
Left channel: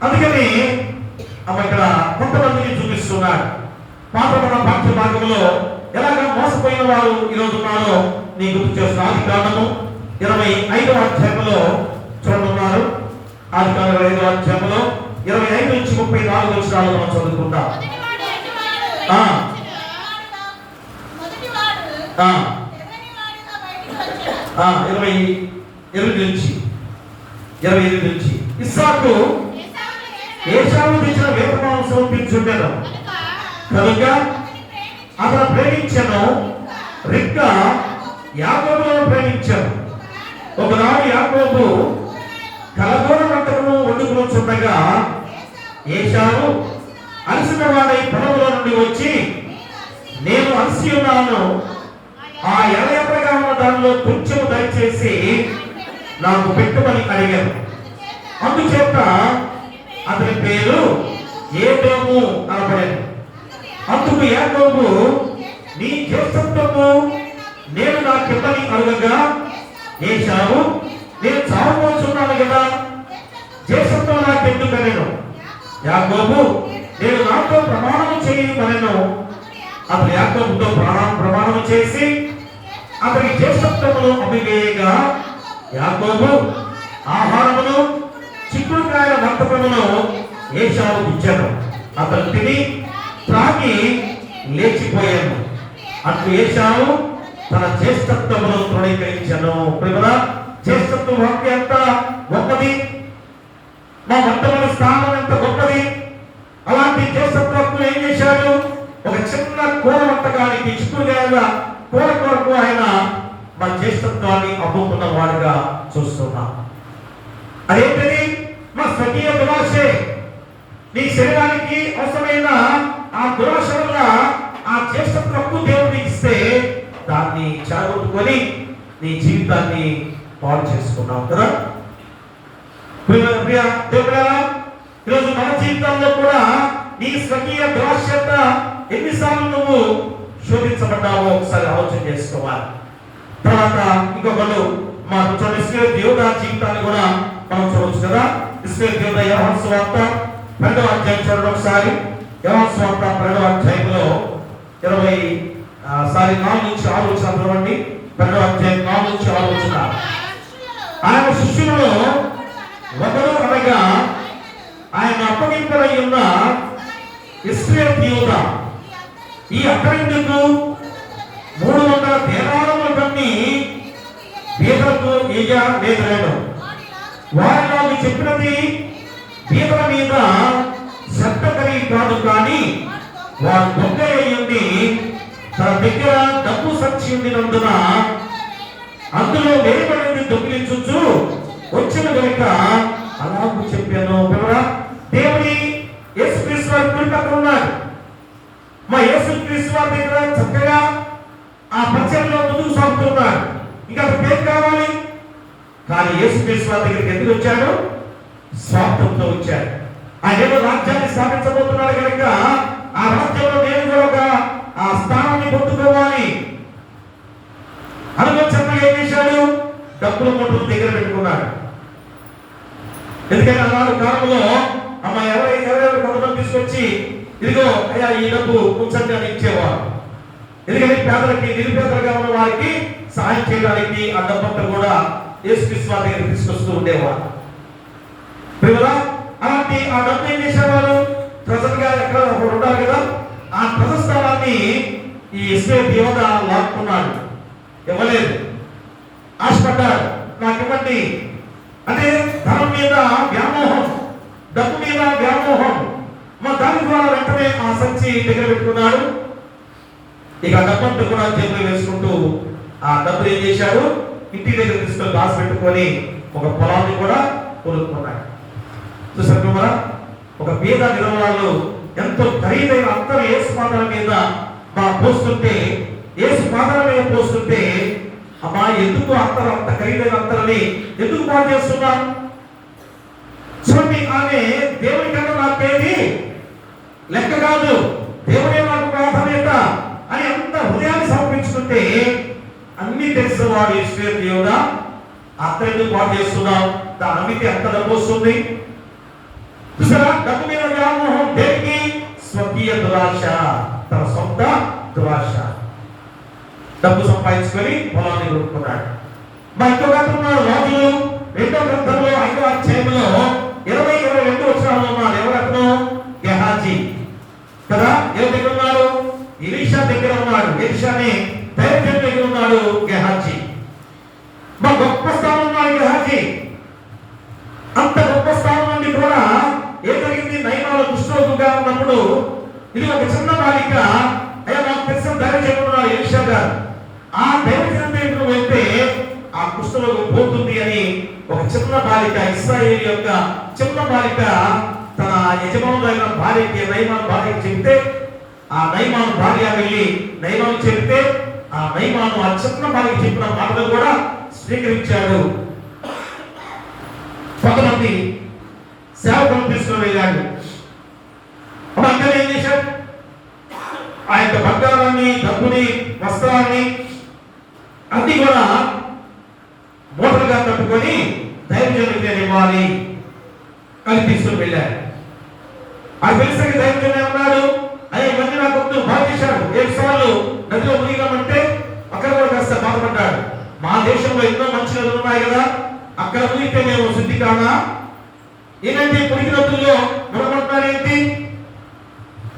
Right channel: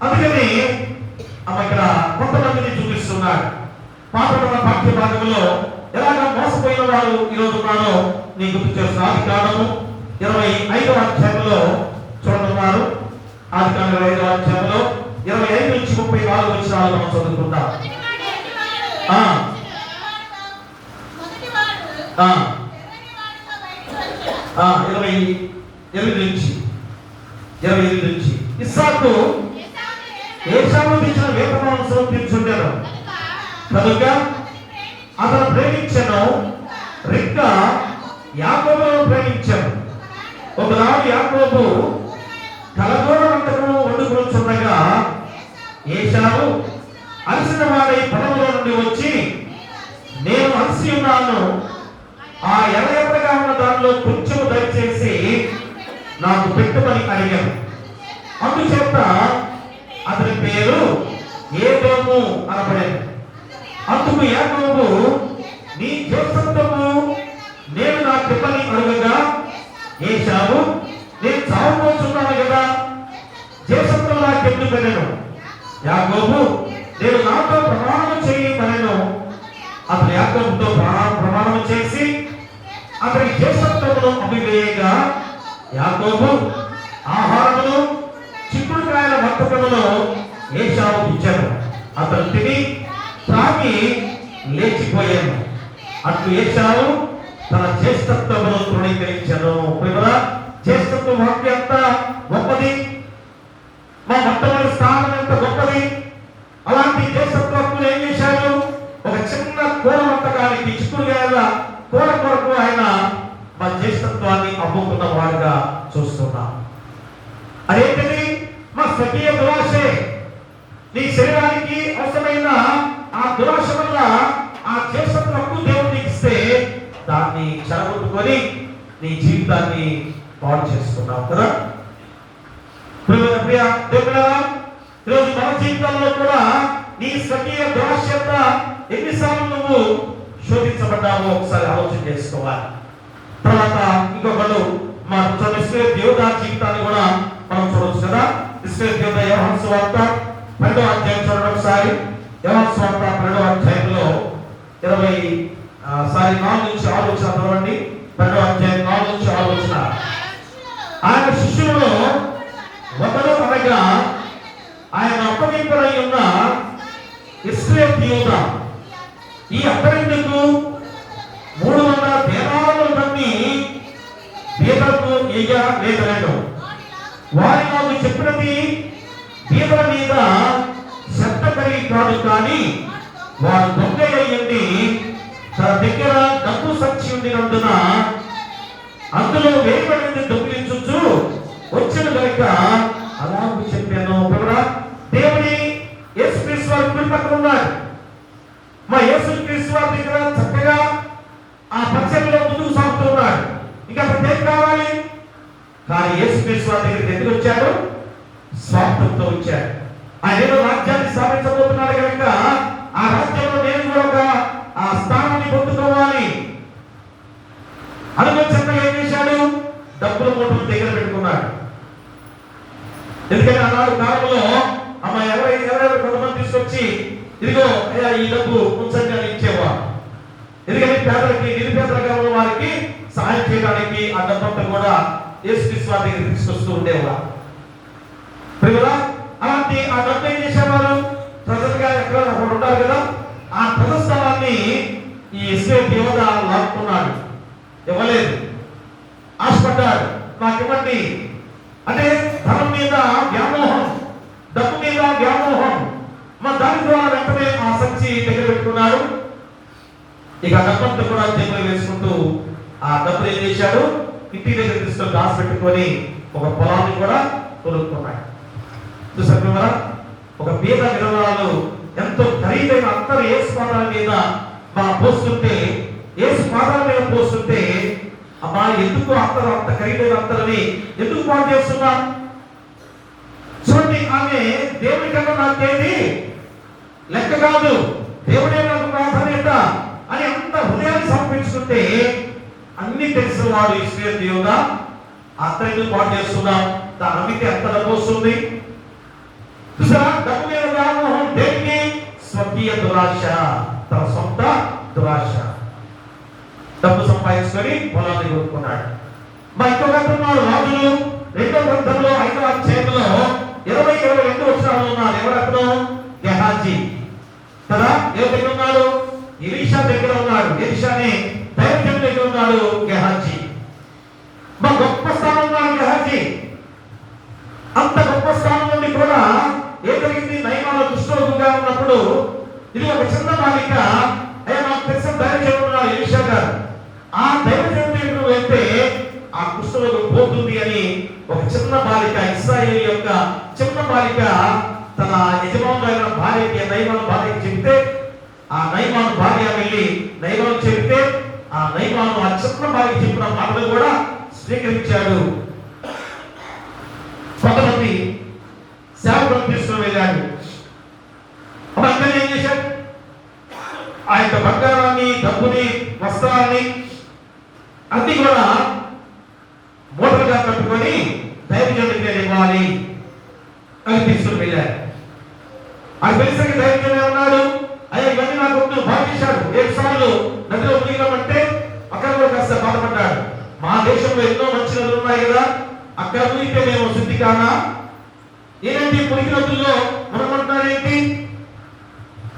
అందుకని ఇక్కడ కొంతమందిని చూపిస్తున్నాడు. పాతబడిన పాఠ్య భాగంలో ఎలాగ మోసపోయిన వారు ఈరోజు ఉన్నారో నీ గుర్తు చేస్తున్న ఆదికాండము 25వ అధ్యాయంలో చూడనున్నారు. ఆదికాండం 25వ అధ్యాయంలో 25 నుంచి 34 వచనాలు మనం చదువుకుంటాం. 28 నుంచి ఇస్సాకు ఏశావు తెచ్చిన వేప మాంసం తించుండెను కనుక అతను ప్రేమించెను. రిబ్కా యాకోబును ప్రేమించెను. ఒకనాడు యాకోబు కలగోడ వంటను వండుకొనుచుండగా ఏశావు అలసిన వాడై పొలంలో నుండి వచ్చి, నేను అలసి ఉన్నాను, ఆ ఎర్రగా ఉన్న దానిలో కొంచెం దయచేసి నాకు పెట్టుమని అడిగాను. అందుచేత అతని పేరు ఏదోము అనబడెను. అందుకు యాకోబు, నీ జ్యేష్ఠత్వము నేను నాకిమ్మని అడగగా ఏశావు, నేను చావబోతున్నాను కదా, జ్యేష్ఠత్వం నాకెందుకనెను. యాకోబు, నేను నాతో ప్రమాణం చేయమనెను. అతను యాకోబుతో ప్రమాణం చేసి అతని జ్యేష్ఠత్వమును అభివేయగా యాకోబు ఆహారమును చిక్కుడుకాయల వంటకమును ఏశావు ఇచ్చాను. అతను తిని త్రాగి లేచిపోయాను. అట్లు ఏశావు తన జ్యేష్ఠత్వమును తృణీకరించాను. జ్యేష్ఠత్వ వాక్యం ఎంత గొప్పది, మా మొట్టమొదటి స్థానం ఎంత గొప్పది. అలాంటి జ్యేష్ఠత్వం ఏం చేశాడు? ఒక చిన్న కూర వంటకానికి చిక్కుడుకాయల కూర కొరకు ఆయన మా జ్యేష్ఠత్వాన్ని అమ్ముకున్న వాడుగా చూస్తున్నాం. అదేంటది? మా స్వకీయ దురాశే. నీ శరీరానికి అవసరమైన ఆ దురాశ వల్ల ఆ జ్యేష్ఠత్వము దేవుడికి ఇస్తే దాన్ని చెడగొట్టుకొని నీ జీవితాన్ని పాడు చేసుకున్నావు కదా. ఈరోజు మన జీవితాల్లో కూడా నీ స్వకీయ దురాశత ఎన్నిసార్లు నువ్వు శోధించబడ్డావో ఒకసారి ఆలోచన చేసుకోవాలి. తర్వాత ఇంకొకళ్ళు మన ఇశ్రాయేలు యోధ జీవితాన్ని కూడా మనం చూడవచ్చు కదా. ఇశ్రాయేలు యోధ యోహాను సువార్త 2వ అధ్యాయం చూడండి ఒకసారి. యోహాను సువార్త 2వ అధ్యాయంలో 4 నుంచి 6 వచనాలు చదవండి. 2వ అధ్యాయం 4 నుంచి 6 వచనాలు. ఆయన శిష్యులలో ఒకడు అనగా ఆయన అప్పగింపబడి ఉన్న ఇశ్రాయేలు యోధ ఈ అక్కడెందుకు 300 దేనారములు కన్ని బీదలకు లేదలేడు. వారి నాకు చెప్పినది బీదల మీద శ్రద్ధ కలిగి కాదు, కానీ వారు దొంగ అయ్యింది తన దగ్గర డబ్బు సంచి ఉండినందున అందులో వేయబడింది దొంగిలించు వచ్చిన కనుక అలాగూ చెప్పాను. దేవుని యేసుక్రీస్తు కుడి పక్కన ఉన్నాడు. మా యేసుక్రీస్తు వారి దగ్గర చక్కగా ఆ పరిచర్యలో ముందుకు సాగుతున్నాడు. ఇంకా అతనికి ఏం కావాలి? కానీ యేసుక్రీస్తు వారి దగ్గరికి ఎందుకు వచ్చాడు? స్వార్థంతో వచ్చాడు. ఆయన ఏదో రాజ్యాన్ని స్థాపించబోతున్నాడు కనుక ఆ రాజ్యంలో నేను కూడా ఒక ఆ స్థానాన్ని పొందుకోవాలి అనుకుని చక్కగా ఏం చేశాడు? డబ్బుల కొట్టును దగ్గర పెట్టుకున్నాడు. ఎందుకంటే ఆనాడు కాలంలో అమ్మ ఎవరెవరు కొంతమంది తీసుకొచ్చి ఇదిగో అయ్యా ఈ డబ్బు ఉంచండి అని ఇచ్చేవారు. ఎందుకంటే పేదలకి నిరుపేదలుగా ఉన్న వారికి సహాయం చేయడానికి ఆ డబ్బంతా కూడా యేసుక్రీస్తు వారి దగ్గర తీసుకొస్తూ ఉండేవారు. అలాంటి ఆ డబ్బు ఏం చేసేవారు? ట్రెజర్ గా ఎక్కడ ఉంటారు కదా, ఆ ట్రెజర్ స్థలాన్ని ఈ ఇస్రాయేల్ యోధ లాక్కున్నాడు. ఇవ్వలేదు, ఆశపడ్డాడు, నాకు ఇవ్వండి అంటే ధనం మీద వ్యామోహం, డబ్బు మీద వ్యామోహం. దాని ద్వారా వెంటనే ఆ సంచి దగ్గర పెట్టుకున్నాడు. ఇక డబ్బంతా కూడా జేబులో వేసుకుంటూ ఆ డబ్బులు ఏం చేశాడు? ఇంటి దగ్గర తీసుకొని దాచి పెట్టుకొని ఒక పొలాన్ని కూడా కొనుక్కున్నాడు. చూసారు కదా, ఒక పేద విధవరాలు ఎంతో ఖరీదైన అత్తరు యేసు పాదాల మీద పోస్తుంటే, యేసు పాదాల మీద పోస్తుంటే, అమ్మా ఎందుకు అత్తరు అంత ఖరీదైన అత్తరుని ఎందుకు పాటు చేస్తున్నాం? చూడండి, ఆమె దేవుని కన్నా నాకేది లెక్క కాదు, దేవుడే నాకు ప్రాధాన్యత అని అంత హృదయాన్ని సమర్పించుకుంటే, అన్ని తెలిసిన వాడు ఇస్రాయేల్ దేవుడా అత్తరు ఎందుకు పాటు చేస్తున్నాం? దాని అమ్మితే ఎంత డబ్బు వస్తుంది? చూసారా, డబ్బు మీద వ్యామోహం. దేనికి? స్వకీయ దురాశ, తన సొంత దురాశ. డబ్బు సంపాదించుకొని పొలాన్ని కొనుక్కున్నాడు. ఇంకొక అంటున్నాడు, రాజులు 2వ గ్రంథంలో 5వ అధ్యాయంలో 20-22 వచనాలు ఉన్నారు. ఎవరతను? గెహాజీ కదా. ఎవరి దగ్గర ఉన్నాడు? ఎలీషా దగ్గర ఉన్నాడు. ఎలీషాని దైవజనుడి దగ్గర ఉన్నాడు గెహాజీ. గొప్ప స్థానం ఉన్నాడు గెహాజీ. అంత గొప్ప స్థానం నుండి కూడా ఏం జరిగింది? నయమాల దుష్టరోగుగా ఉన్నప్పుడు ఇది ఒక చిన్న బాలిక, అయ్యా నాకు తెలిసిన దైవజనుడు ఉన్నాడు ఎలీషా గారు, ఆ దైవజనుడి దగ్గరకు వెళ్తే ఆ కుష్ఠరోగం పోతుంది అని ఒక చిన్న బాలిక, ఇశ్రాయేలు యొక్క చిన్న బాలిక తన యజమానులైన భార్యకి, నయమాను భార్యకి చెప్తే, ఆ నయమాను భార్య వెళ్ళి నయమాను చెప్తే, ఆ నయమాను ఆ చిన్న బాలిక చెప్పిన మాటలు కూడా స్వీకరించాడు. కొంతమంది సేవకులను తీసుకుని వెళ్ళాడు. అక్కడ ఏం చేశాడు? ఆ యొక్క బంగారాన్ని, డబ్బుని, వస్త్రాన్ని అన్ని కూడా మూటలుగా కట్టుకొని దైవజనుడికి ఇవ్వాలి అని తీసుకుని వెళ్ళాడు. అది తెలిసిన దైవజనుడు అన్నాడు, అయ్యా ఇవన్నీ నాకు వద్దు, బాగా చేశాడు. 7 సార్లు నదిలో మునిగామంటే అక్కడ కూడా కాస్త బాధపడ్డాడు. మా దేశంలో ఎన్నో మంచి నదులు ఉన్నాయి కదా, అక్కడ మునిగితే మేము శుద్ధి కానా? ఏంటంటే పురికి నదుల్లో మునగమంటున్నారేంటి?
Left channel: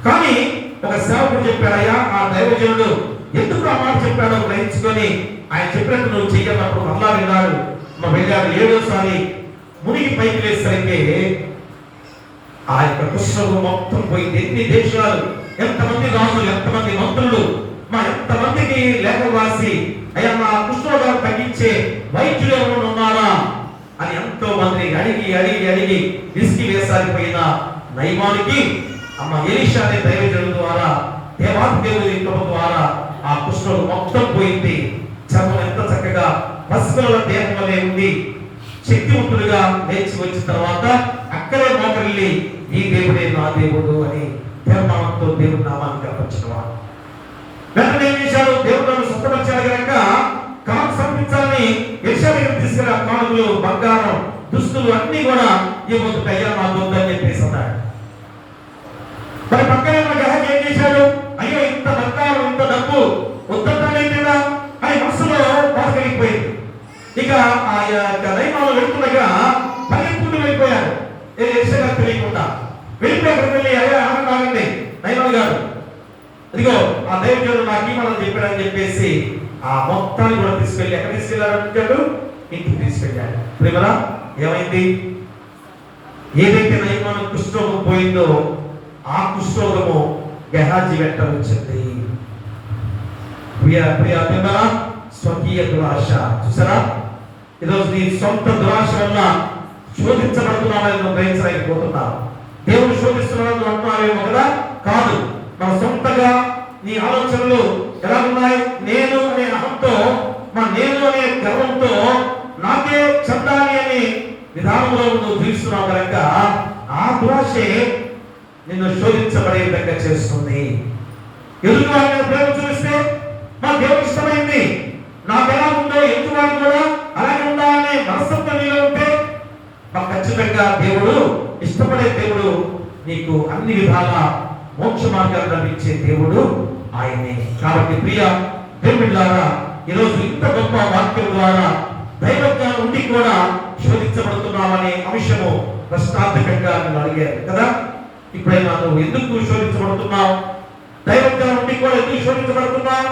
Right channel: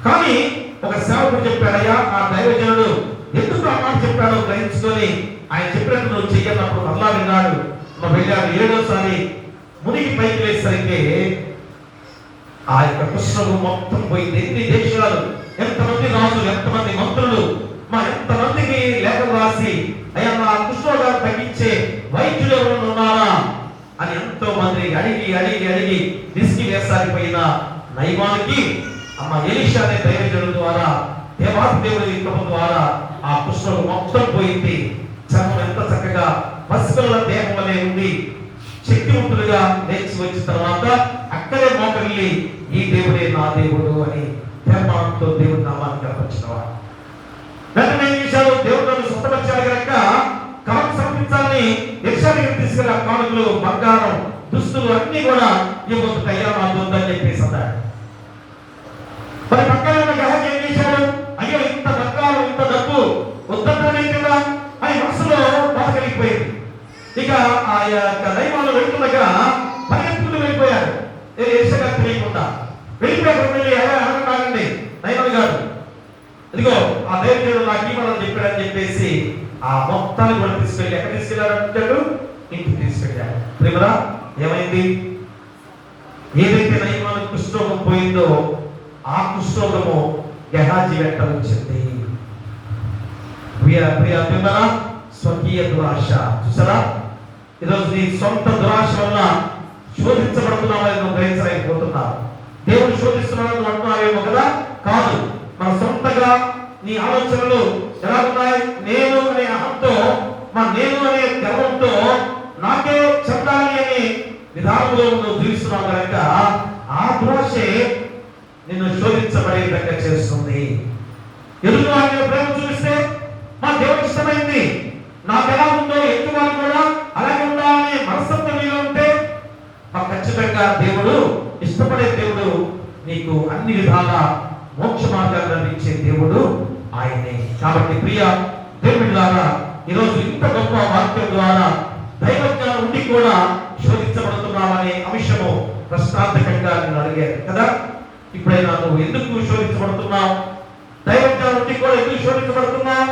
కానీ ఒక సేవకుడు చెప్పాడయ్యా, ఆ దైవజనుడు ఎందుకు ఆ మాట చెప్పాడో గ్రహించుకొని ఆయన చెప్పినట్టు నువ్వు చెయ్యన్నప్పుడు మళ్ళా విన్నాడు. వెళ్ళాడు. 7వసారి మునిగి పైకి లేసరికి ఆ యొక్క కుష్ఠరోగం మొత్తం పోయింది. ఎన్ని దేశాలు, ఎంతమంది రాజులు, ఎంతమంది మంత్రులు, ఎంతమందికి లేఖలు రాసి అయ్యా నా కుష్ఠరోగాలు తగ్గించే వైద్యులు ఎవరు ఉన్నారా అని ఎంతో మంది అడిగి అడిగి అడిగి విసిగి వేసారిపోయిన నయమానికి ఎలీషా అనే దైవజనుడి ద్వారా, దేవాది దేవుడి కృప ద్వారా ఆ కుష్ఠరోగం మొత్తం పోయింది. చర్మం ఎంత చక్కగా పసిపిల్లల దేహంలోనే ఉంది. శక్తివంతులుగా లేచి వచ్చిన తర్వాత అక్కడే మోకరిల్లి ఈ దేవుడే నా దేవుడు అని తీర్మానంతో దేవుడి నామాన్ని కనపరిచినవాడు. వెంటనే ఏం చేశాడు? దేవుడు నన్ను స్వస్థపరిచాడు కనుక కాను సమర్పించాలని ఎలీషా దగ్గర తీసుకెళ్ళి ఆ కానుకలు, బంగారం, దుస్తులు అన్ని కూడా ఇవ్వద్దు అయ్యా నాకు వద్దని చెప్పేసి అన్నాడు. మరి పక్కన ఉన్న గెహాజీ ఏం చేశాడు? అయ్యో ఇంత బంగారం, ఇంత డబ్బు వద్దంటానేంటి అని మనసులో బాధ కలిగిపోయింది. ఇక ఆ యొక్క నయమాలు వెళ్తుండగా పరిగెత్తుకుంటూ వెళ్ళిపోయాడు. ఎలీషా గారు తెలియకుండా వెళ్ళిపోయాడు. వెళ్ళి అయ్యా ఆగండి నయమాలు గారు, ఇదిగో ఆ దైవజనుడు నాకు ఇవ్వాలని చెప్పాడని చెప్పేసి ఆ మొత్తాన్ని కూడా తీసుకెళ్ళి ఎక్కడ తీసుకెళ్ళాడు? ఇంటికి తీసుకెళ్ళాడు. ప్రేమరా ఏమైంది? ఏదైతే నయమాను కుష్ఠరోగం పోయిందో ఆ కుష్ఠరోగము గెహాజీ వెంట వచ్చింది. స్వకీయ దురాశ. చూసారా, ఈరోజు నీ సొంత దురాశ వల్ల శోధించబడుతున్నావు గ్రహించలేకపోతున్నా. దేవుడు శోధిస్తున్నాడు అంటున్నావేమో కదా, కాదు. మన సొంతగా నీ ఆలోచనలు ఎలా ఉన్నాయి? నేను అనే అహంతో, నేను అనే గర్వంతో నాకే చెందాలి అనే విధానంలో నువ్వు జీవిస్తున్నావు కనుక ఆ దురాశే నిన్ను శోధించబడే విధంగా చేస్తుంది. ఎదుటి వారిని ప్రేమ చూపిస్తే మా దేవుడు ఇష్టమైంది, నాకు ఎలా ఉందో ఎదుటి వారు కూడా అలాగే ఉండాలనే మనస్తత్వం నీలో ఉంటే ఖచ్చితంగా దేవుడు ఇష్టపడే దేవుడు, నీకు అన్ని విధాల మోక్ష మార్గాన్ని లభించే దేవుడు ఆయనే. కాబట్టి ప్రియ దేవుళ్ళారా, ఈరోజు ఇంత గొప్ప వాక్యం ద్వారా దైవజ్ఞానం ఉండి కూడా శోధించబడుతున్నామనే అంశము ప్రశ్నార్థకంగా నేను అడిగాను కదా. ఇప్పుడైనా నువ్వు ఎందుకు శోధించబడుతున్నావు? దైవజ్ఞానం ఉండి కూడా ఎందుకు శోధించబడుతున్నావు?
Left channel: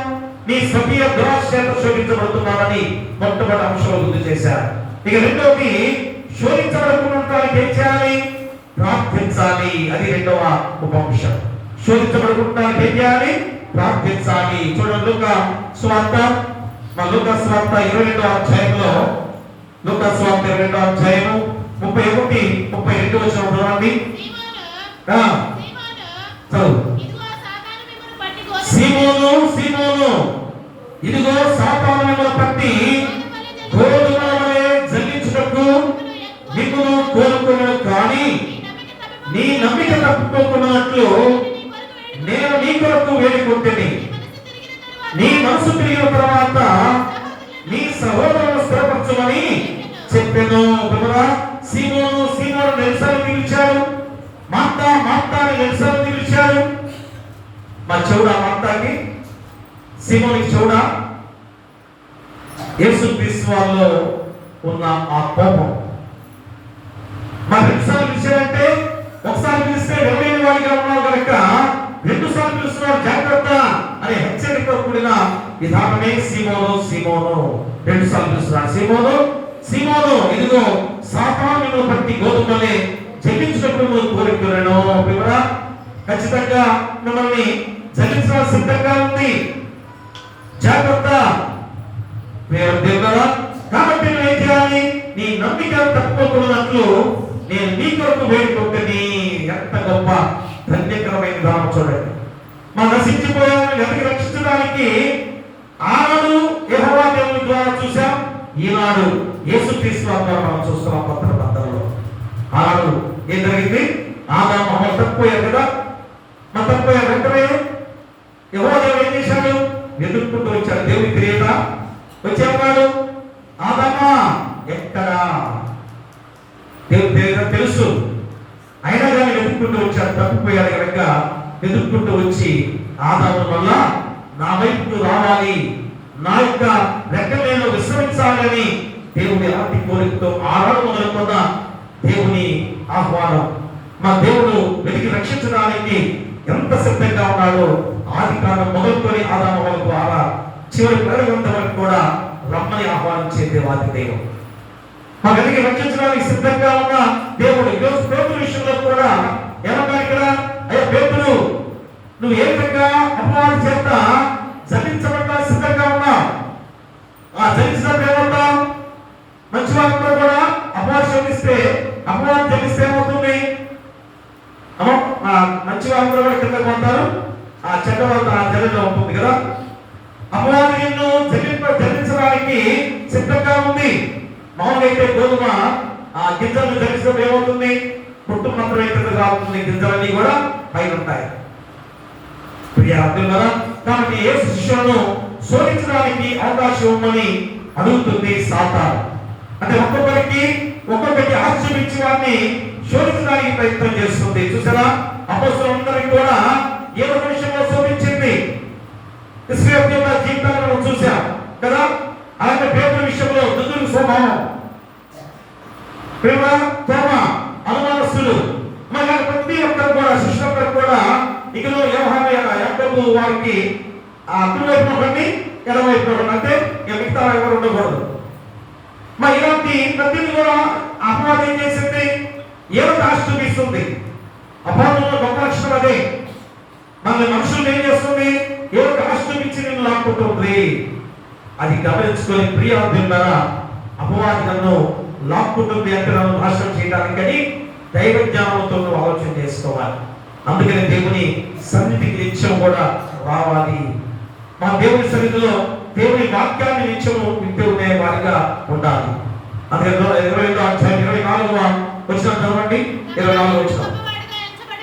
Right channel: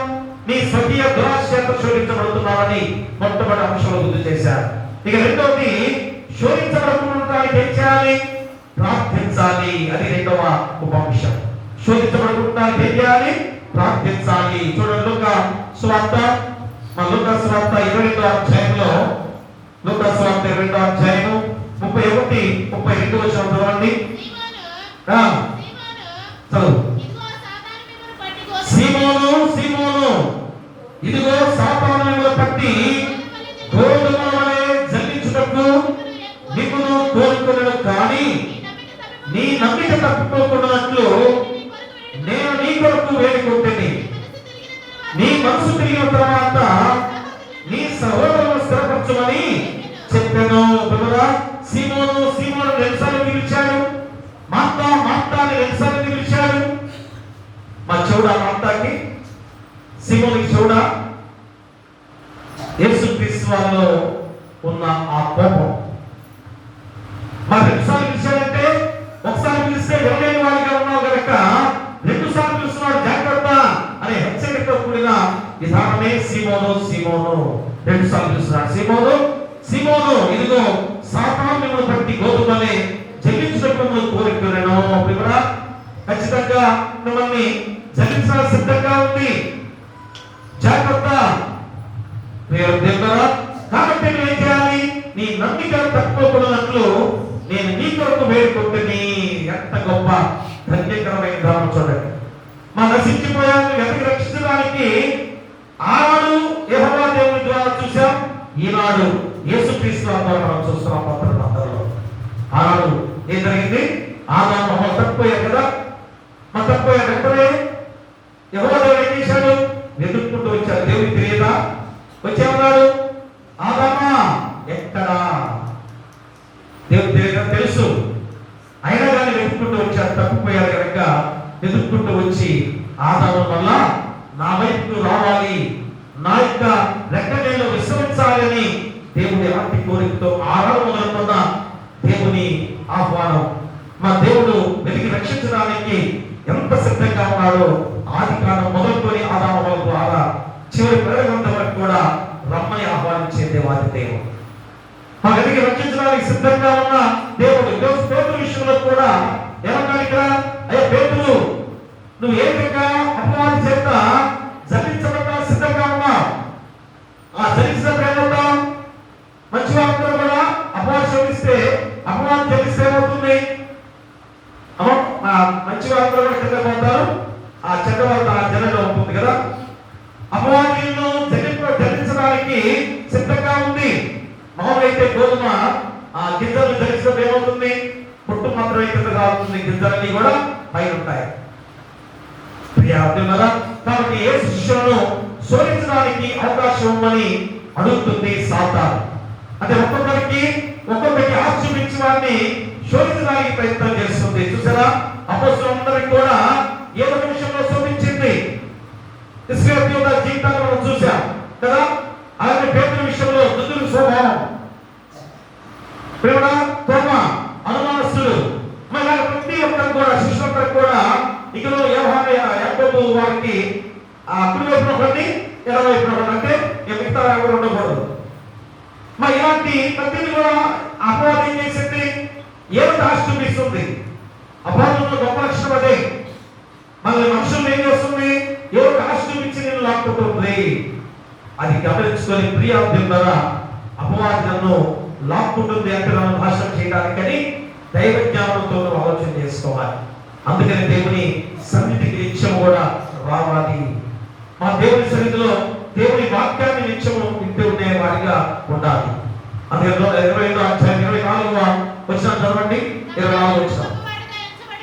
నీ స్వకీయ దురాశ చేత శోధించబడుతున్నావని మొట్టమొదటి అంశంలో గుర్తు చేశారు. ఇక రెండోది, శోధించబడుతున్నటానికి ఏం చేయాలి? ప్రార్థించాలి. అది రెండవ ఉపాంశం. శోధించబడుతున్నటానికి ఏం చేయాలి? ప్రార్థించాలి. చూడండి లూకా సువార్త 22వ అధ్యాయంలో, లూకా సువార్త 22వ అధ్యాయము 31-32 వచనం చదవండి. సీమోను, సీమోను, ఇదిగో సాతాను మిమ్మల్ని పట్టి గోధుమల వలె జల్లించుటకు నిన్ను కోరుకున్నాడు, కానీ నీ నమ్మిక తప్పుకోకున్నట్లు నేను నీ కొరకు వేడుకుంటుని. నీ మనసు తిరిగిన తర్వాత నీ సహోదరులను స్థిరపరచమని చెప్పాను. సీమోను, సీమోను వెలుసాన్ని పిలిచాడు. మార్తా, మార్తాని వెలుసాన్ని పిలిచాడు. మా చెవుడా మార్తాకి, సీమోనికి చెవుడా? యేసుక్రీస్తు వారిలో ఉన్న ఆ కోపం. మా రెండుసార్లు పిలిచాడంటే, ఒకసారి పిలిస్తే ఎవరైనా వాడిగా ఉన్నావు కనుక రెండు సార్లు పిలుస్తున్నాడు, జాగ్రత్త అనే హెచ్చరికతో కూడిన విధానమే సీమోను, సీమోను. రెండు సార్లు పిలుస్తున్నాడు. సీమోను, సీమోను, ఇదిగో సాతాను మిమ్మల్ని పట్టి గోధుమలే జల్లించినప్పుడు కోరుకున్నాను. ఖచ్చితంగా మిమ్మల్ని జల్లించడానికి సిద్ధంగా ఉంది, జాగ్రత్త. కాబట్టి నువ్వు ఏం చేయాలి? నీ నమ్మిక తప్పుకోకూడనట్లు నేను నీ కొరకు వేడుకుంటుంది. ఎంత గొప్ప ధన్యకరమైన గ్రామం చూడండి. మా నశించిపోయాలను వెతికి రక్షించడానికి ఆనాడు యెహోవా దేవుని ద్వారా చూసాం, ఈనాడు యేసుక్రీస్తు ద్వారా మనం చూస్తున్నాం. పత్రంలో ఆనాడు ఏం జరిగింది? ఆదాము అవ్వ తప్పిపోయారు కదా. మా తప్పిపోయారు వెంటనే యెహోవా దేవుడు ఏం చేశాడు? వెతుక్కుంటూ వచ్చాడు. దేవుడికి తెలియదా? వచ్చేవాడు, ఆదామా ఎక్కడా? దేవుడు తెలుసు, అయినా కానీ వెతుక్కుంటూ వచ్చాడు. తప్పిపోయాడు కనుక వెతుక్కుంటూ వచ్చి ఆదాము వల్ల నా వైపు రావాలి, నా యొక్క రెక్కలలో విశ్రమించాలని దేవుడి ఎలాంటి కోరికతో ఆరాధన మొదలుకున్న దేవుని ఆహ్వానం. మా దేవుడు వెతికి రక్షించడానికి ఎంత సిద్ధంగా ఉన్నాడో ఆది కాండం మొదలుకొని ఆదాము వరకు ద్వారా చివరి ప్రజలంత వరకు కూడా రమ్మని ఆహ్వానించే దేవాది దేవుడు. మా వెతికి రక్షించడానికి సిద్ధంగా ఉన్న దేవుడు. ఈరోజు పేతురు విషయంలో కూడా ఏమన్నా ఇక్కడ, అయ్యా పేతురు, నువ్వు ఏ విధంగా అపవాది చేత జయించబడ్డా సిద్ధంగా ఉన్నావు. ఆ జయించినప్పుడు ఏమవుతాం? మంచి వాళ్ళందరూ కూడా అపవాది శోధిస్తే, అపవాది జయిస్తే ఏమవుతుంది? మంచి వాళ్ళందరూ కూడా కింద పోతారు, ఆ చెడ్డ వాళ్ళ ఆ జనంలో ఉంటుంది కదా. అపవాది నిన్ను జయించడానికి సిద్ధంగా ఉంది. మామూలుగా అయితే గోధుమ ఆ గింజలు జయించడం ఏమవుతుంది? పుట్టు మాత్రమే కిందకు రావుతుంది, గింజలన్నీ కూడా పైన ఉంటాయి. ప్రియారా, కాబట్టి ఏ శిష్యులను శోధించడానికి అవకాశం ఉందని అడుగుతుంది సాతాను. అంటే ఒక్కొక్కరికి ఆశ్రమించి వారిని శోధించడానికి ప్రయత్నం చేస్తుంది. చూసారా, అపోస్తలులందరికీ కూడా ఏ ఒక విషయంలో శోధించింది. ఇశ్రాయేలు యొక్క జీవితాన్ని మనం చూసాం కదా. అలాగే పేతురు విషయంలో దుర్దురు స్వభావం, తోమ అనుమానస్తుడు, మరి ప్రతి ఒక్కరు కూడా శిష్యులందరూ కూడా ఇకలో యోహాను యాకోబు వారికి కుడివైపున ఒకరిని ఎడమవైపున ఒకరిని, అంటే మిగతా ఎవరు ఉండకూడదు. మరి ఇలాంటి ప్రతి కూడా అపవాదం ఏం చేసింది? ఏదో ఆశ చూపిస్తుంది. అపవాదంలో గొప్ప లక్షణం అదే. మన మనుషులు ఏం చేస్తుంది? ఏదో ఆశ చూపించి నేను లాక్కుంటుంది. అది గమనించుకొని ప్రియార్థులారా, అపవాది నన్ను లాక్కుంటుంది అంటే నన్ను నాశనం చేయడానికని దైవ జ్ఞానంతో ఆలోచన చేసుకోవాలి. అందుకని దేవుని సన్నిధికి నిత్యం కూడా రావాలి. మా దేవుని సన్నిధిలో దేవుని వాక్యాన్ని నిత్యము వింటూ ఉండే వారిగా ఉండాలి. అందుకని 25వ అధ్యాయం 24వ వచనం చదవండి. 24వ వచనం,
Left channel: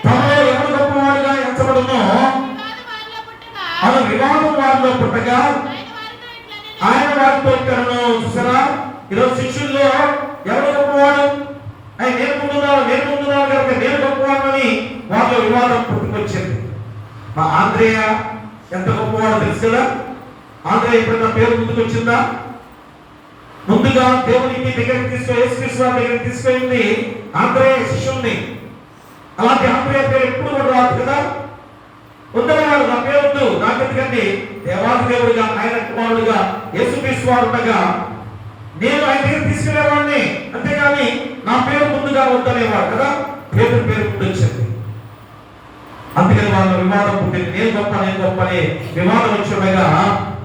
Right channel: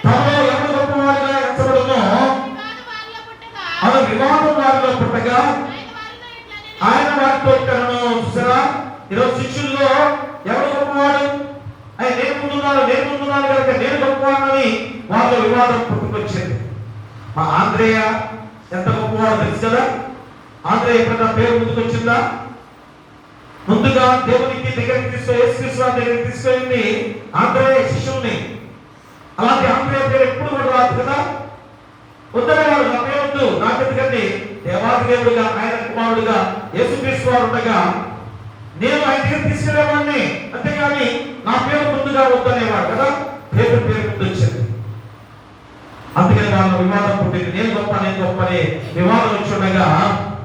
తమలో ఎవరు గొప్పవాడిగా ఎంచబడునో అలా వివాదం వారిలో పుట్టగా ఆయన వారితో ఇక్కడను. చూసారా, ఈరోజు శిష్యుల్లో ఎవరు గొప్పవాడు? ఆయన నేను ముందున్నాను కనుక నేను గొప్పవాడని వాళ్ళ వివాదం పుట్టుకొచ్చింది. మా ఆంధ్రేయ ఎంత గొప్పవాడో తెలుసు కదా. ఆంధ్రేయ ఎప్పుడైనా పేరు ముందుకు వచ్చిందా? ముందుగా దేవునికి దగ్గరికి యేసుక్రీస్తు వారి దగ్గరికి తీసుకెళ్ళింది ఆంధ్రేయ శిష్యుల్ని. అలాంటి ఆంధ్రేయ పేరు ఎప్పుడు కూడా రాదు కదా. ఉందనేవాడు, నా పేరు వద్దు, నాకెందుకండి, దేవాది దేవుడిగా ఆయన కుమారుడిగా యేసుక్రీస్తు వారు ఉండగా నేను ఆయన దగ్గర తీసుకెళ్లేవాడిని, అంతేగాని నా పేరు ముందుగా వద్దనేవాడు కదా. పేరు ముందు వచ్చింది. అందుకని వాళ్ళ వివాదం పుట్టింది. నేను గొప్ప అనే వివాదం వచ్చి ఉండగా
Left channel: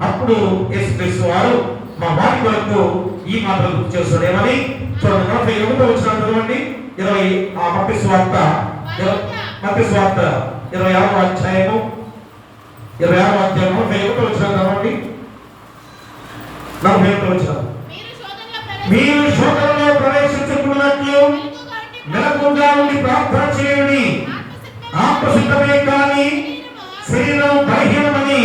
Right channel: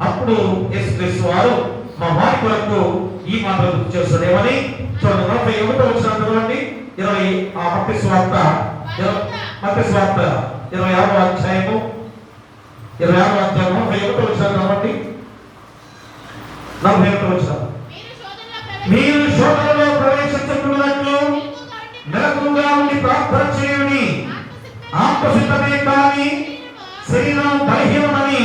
అప్పుడు యేసుక్రీస్తు వారు మా వారి కొరకు ఈ మాటలు గుర్తు చేస్తున్నామని చూడండి. 41వ వచనం చదవండి. 20 మత్తయి సువార్త 26వ అధ్యాయము 41వ వచనం చదవండి. 41వ వచనం, మీరు శోధనలో ప్రవేశించుకున్నట్లు మెలకువగా ఉండి ప్రార్థన చేయండి. ఆత్మసిద్ధమే కానీ శరీరం బలహీనమని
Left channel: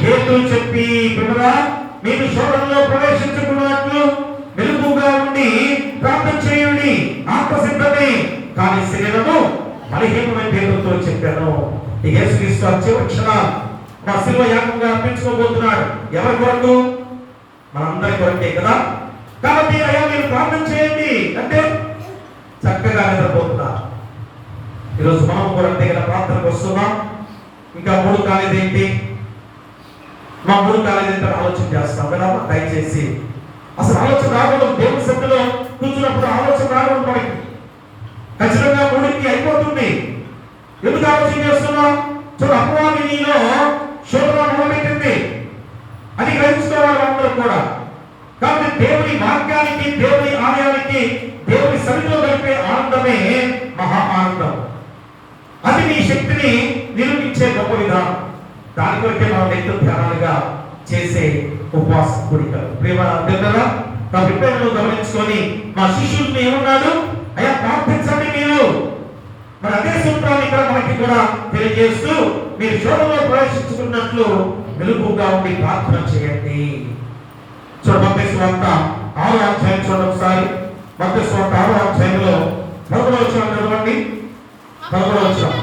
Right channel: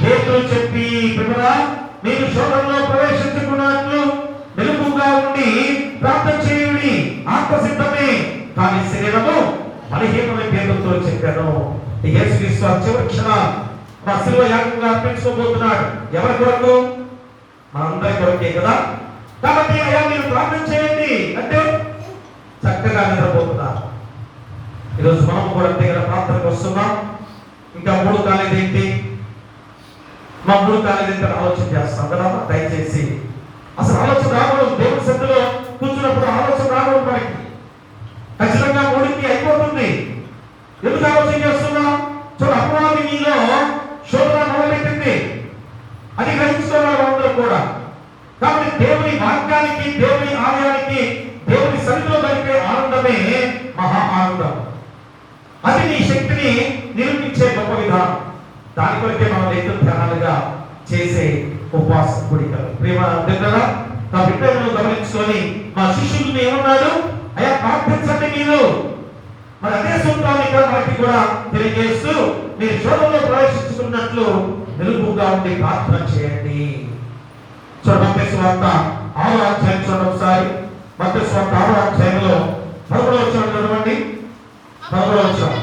పేతురు చెప్పి, పిల్లరా, మీరు శోధనలో ప్రవేశించుకున్నట్లు మెలకువగా ఉండి ప్రార్థన చేయండి. ఆత్మసిద్ధమే కానీ శరీరము బలహీనమని పేతురుతో చెప్పాను. ఈ యేసుక్రీస్తు చివరి క్షణం మా శిలువ యాగంగా అర్పించుకోబోతున్నాడు. ఎవరి కొరకు? మనందరి కొరకే కదా. కాబట్టి అయ్యా మీరు ప్రార్థన చేయండి అంటే చక్కగా నిద్రపోతున్నారు. ఈరోజు మనం కూడా దగ్గర ప్రార్థనకు వస్తున్నాం. ఇంకా 3 కాలేదేంటి, మా 3 కాలేదేంటి ఆలోచన చేస్తాం కదా. దయచేసి అసలు ఆలోచన రావడం, దేవుని సన్నిధిలో కూర్చున్నప్పుడు ఆలోచన రావడం మనకి ఖచ్చితంగా 3కి అయిపోతుంది. ఎందుకు ఆలోచన చేస్తున్నాం? చూడ, అపవాది నీలో శోధన మొదలుపెట్టింది అని గ్రహించుకోవాలి అందరూ కూడా. కాబట్టి దేవుని వాక్యానికి, దేవుని ఆలయానికి, దేవుని సన్నిధిలో గడిపే ఆనందమే మహా ఆనందం. అది నీ శక్తిని నిరూపించే గొప్ప విధానం. దాని కొరకే మనం ఎంతో ధ్యానాలుగా చేసే ఉపవాస కూడికలు. ప్రేమ దగ్గర నా బిడ్డలను గమనించుకొని మా శిష్యుల్ని ఏమన్నాడు? అయ్యా ప్రార్థించండి మీరు. మరి అదే సూత్రాన్ని ఇక్కడ మనకి కూడా తెలియజేస్తూ, మీరు శోధనలో ప్రవేశించుకున్నట్లు మెలకువగా ఉండి ప్రార్థన చేయండి. చూడండి, మత్తయి సువార్త 6వ అధ్యాయం చూడండి ఒకసారి. మత్తయి సువార్త 6వ అధ్యాయంలో 11వ వచనం చదవండి. 11వ వచనం,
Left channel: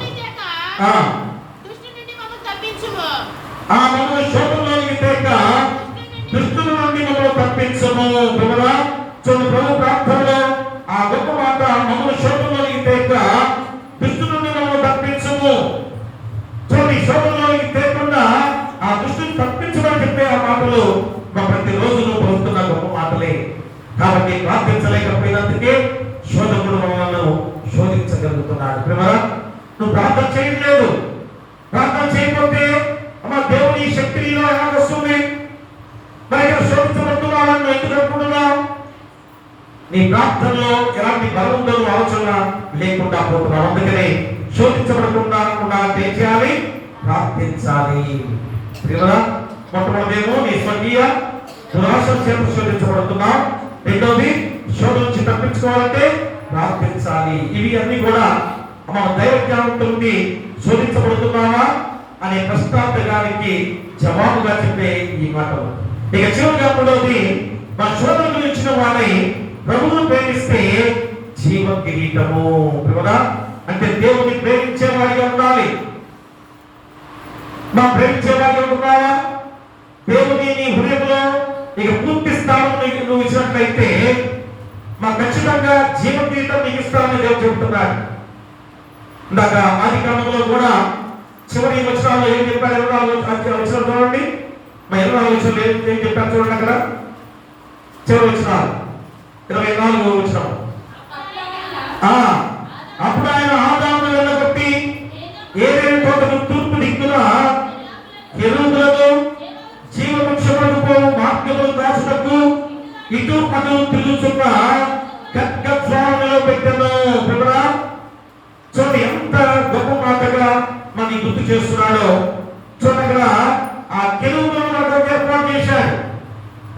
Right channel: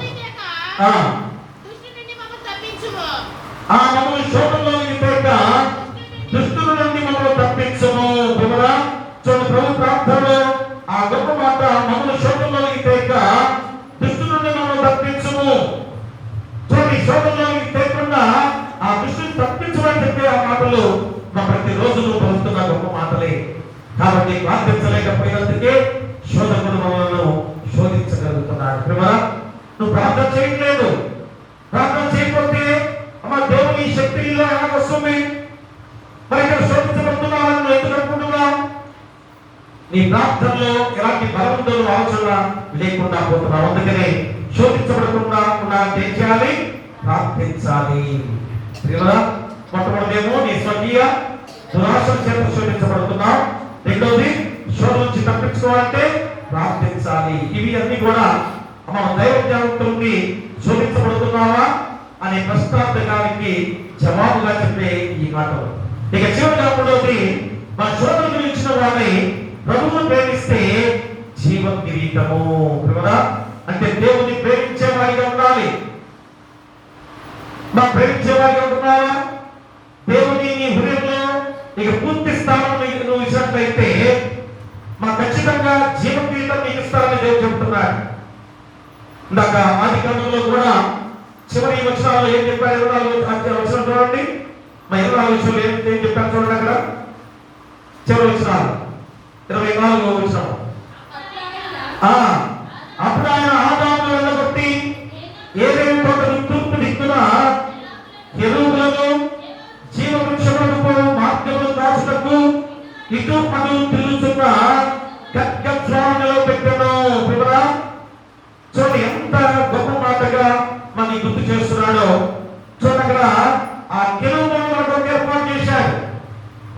మమ్మల్ని శోధనలోనికి తేక దుష్టుల నుండి మమ్మల్ని తప్పించము. పిల్లరా, చూడండి, ప్రభు ప్రార్థనలో ఆ గొప్ప మాట, మమ్మల్ని శోధనలోనికి తేక దుష్టుల నుండి మమ్మల్ని తప్పించము. చూడండి, శోధనలోనికి తేకుండా ఆ దుష్టుని తప్పించమని చెప్పే ఆ మాటలు మా ప్రతిరోజు పలుకుతున్న గొప్ప మాటలే. కాబట్టి ప్రార్థించలేకపోయినందుకే శోధకుడు మమ్మల్ని శోధించగలుగుతున్నాడు. పిల్లరా, నువ్వు ప్రార్థన చేయట్లేదు. ప్రార్థన చేయకపోతే అమ్మ దేవుని శక్తి నీలో ఎలా వస్తుంది? మరి ఇక్కడ శోధించబడుతున్నావని నువ్వు ఎందుకు అనుకుంటున్నావు? నీ ప్రార్థనలో ఎలాంటి బలం ఉందో ఆలోచన లేకుండా పోతున్నావు. అందుకనే శోధించబడకుండా ఏం చేయాలి? ప్రార్థించాలి. మొట్టమొదటిదేమో నీ స్వకీయ దురాశల చేత శోధించబడుతున్నావు. రెండవది, శోధన నుంచి తప్పించుకోవాలంటే ప్రార్థించాలి. ఇవి అన్ని కూడా మన దైవ జ్ఞానంతో శోధించబడుతున్నావా అనే ప్రశ్నార్థకానికి జవాబుగా చెప్పే ఈ మాటలు. ఇక చివరిగా మూడవది, మన శోధనలు ఇచ్చిన వారిని ప్రభువును ప్రేమిస్తే జీవ కిరీటము. అంటే దేవుని ప్రేమించే వారిగా ఉండాలి. మా ప్రేమించే వారిగా ఉంటున్నావా? దేవుని నీ హృదయంలో నీకు పూర్తి స్థానం నువ్వు ఇచ్చినట్లయితే మా ఖచ్చితంగా జీవ కిరీటం నీకు ఇస్తారని దేవుడు చెబుతున్నాడు. ఇందాక ఆదికాండంలో కూడా చివరి వచనాల్లో ఏం చెప్పారు? 24వ వచనం చూడండి. మా 24వ వచనంలో ఏం చెప్పారు చూడండి. అక్కడ చివరి వచనాలు 24వ వచనం, అప్పుడు ఆయన ఆదామును వెళ్ళగొట్టి ఏదైనా తోటను తూర్పు దిక్కున కెరూబులను జీవవృక్షములకు మార్గములు దాచుటకు ఇటు అటు తిరుగుతున్న ఖడ్గస్వామిలో పెట్టెను. చూడండి, ఎంత గొప్ప మాటగా చేస్తున్నాడో చూడగా ఆ కెరూబులను మనకు ఏర్పాటు చేశాడు.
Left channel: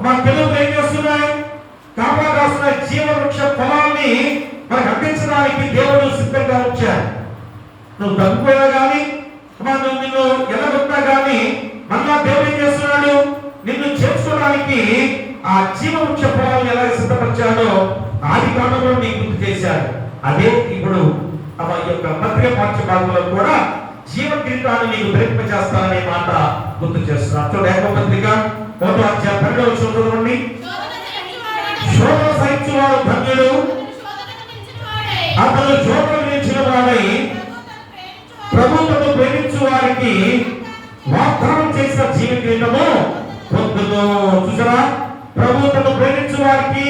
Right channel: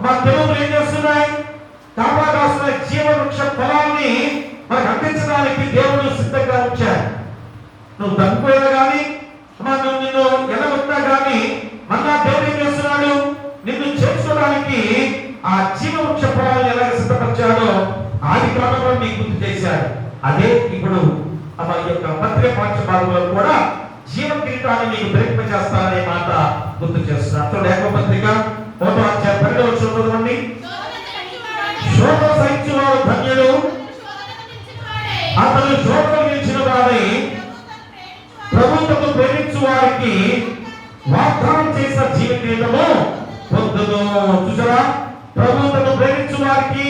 మా కెరూబులు ఏం చేస్తున్నాయి? కాపాడాల్సిన జీవవృక్ష ఫలాన్ని మనకు అందించడానికి దేవుడు సిద్ధంగా ఉంచాడు. నువ్వు తగ్గిపోయా కానీ నిన్ను ఎలాగొన్నా కానీ మళ్ళా దేవుడు ఏం చేస్తున్నాడు? నిన్ను చేసుకోవడానికి ఆ జీవవృక్ష ఫలాలను ఎలాగ సిద్ధపరిచాడో ఆది కాలంలో నీకు గుర్తు చేశాడు. అదే ఇప్పుడు తమ యొక్క పత్రిక పాఠ్యభాగంలో కూడా జీవ కిరీటాన్ని నీకు ధరింపజేస్తాననే మాట గుర్తు చేస్తున్నాడు. చూడండి, యాకోబు పత్రిక 1వ అధ్యాయం 12వ వచనం చదవండి. శోధన సహించువాడు ధన్యుడు, అతను శోధనలు నిలిచిన వాడై ప్రభువును ప్రేమించు వారికి వాగ్దానం చేసిన జీవ కిరీటము పొందును. చూసారా, ప్రభువును ప్రేమించు వారికి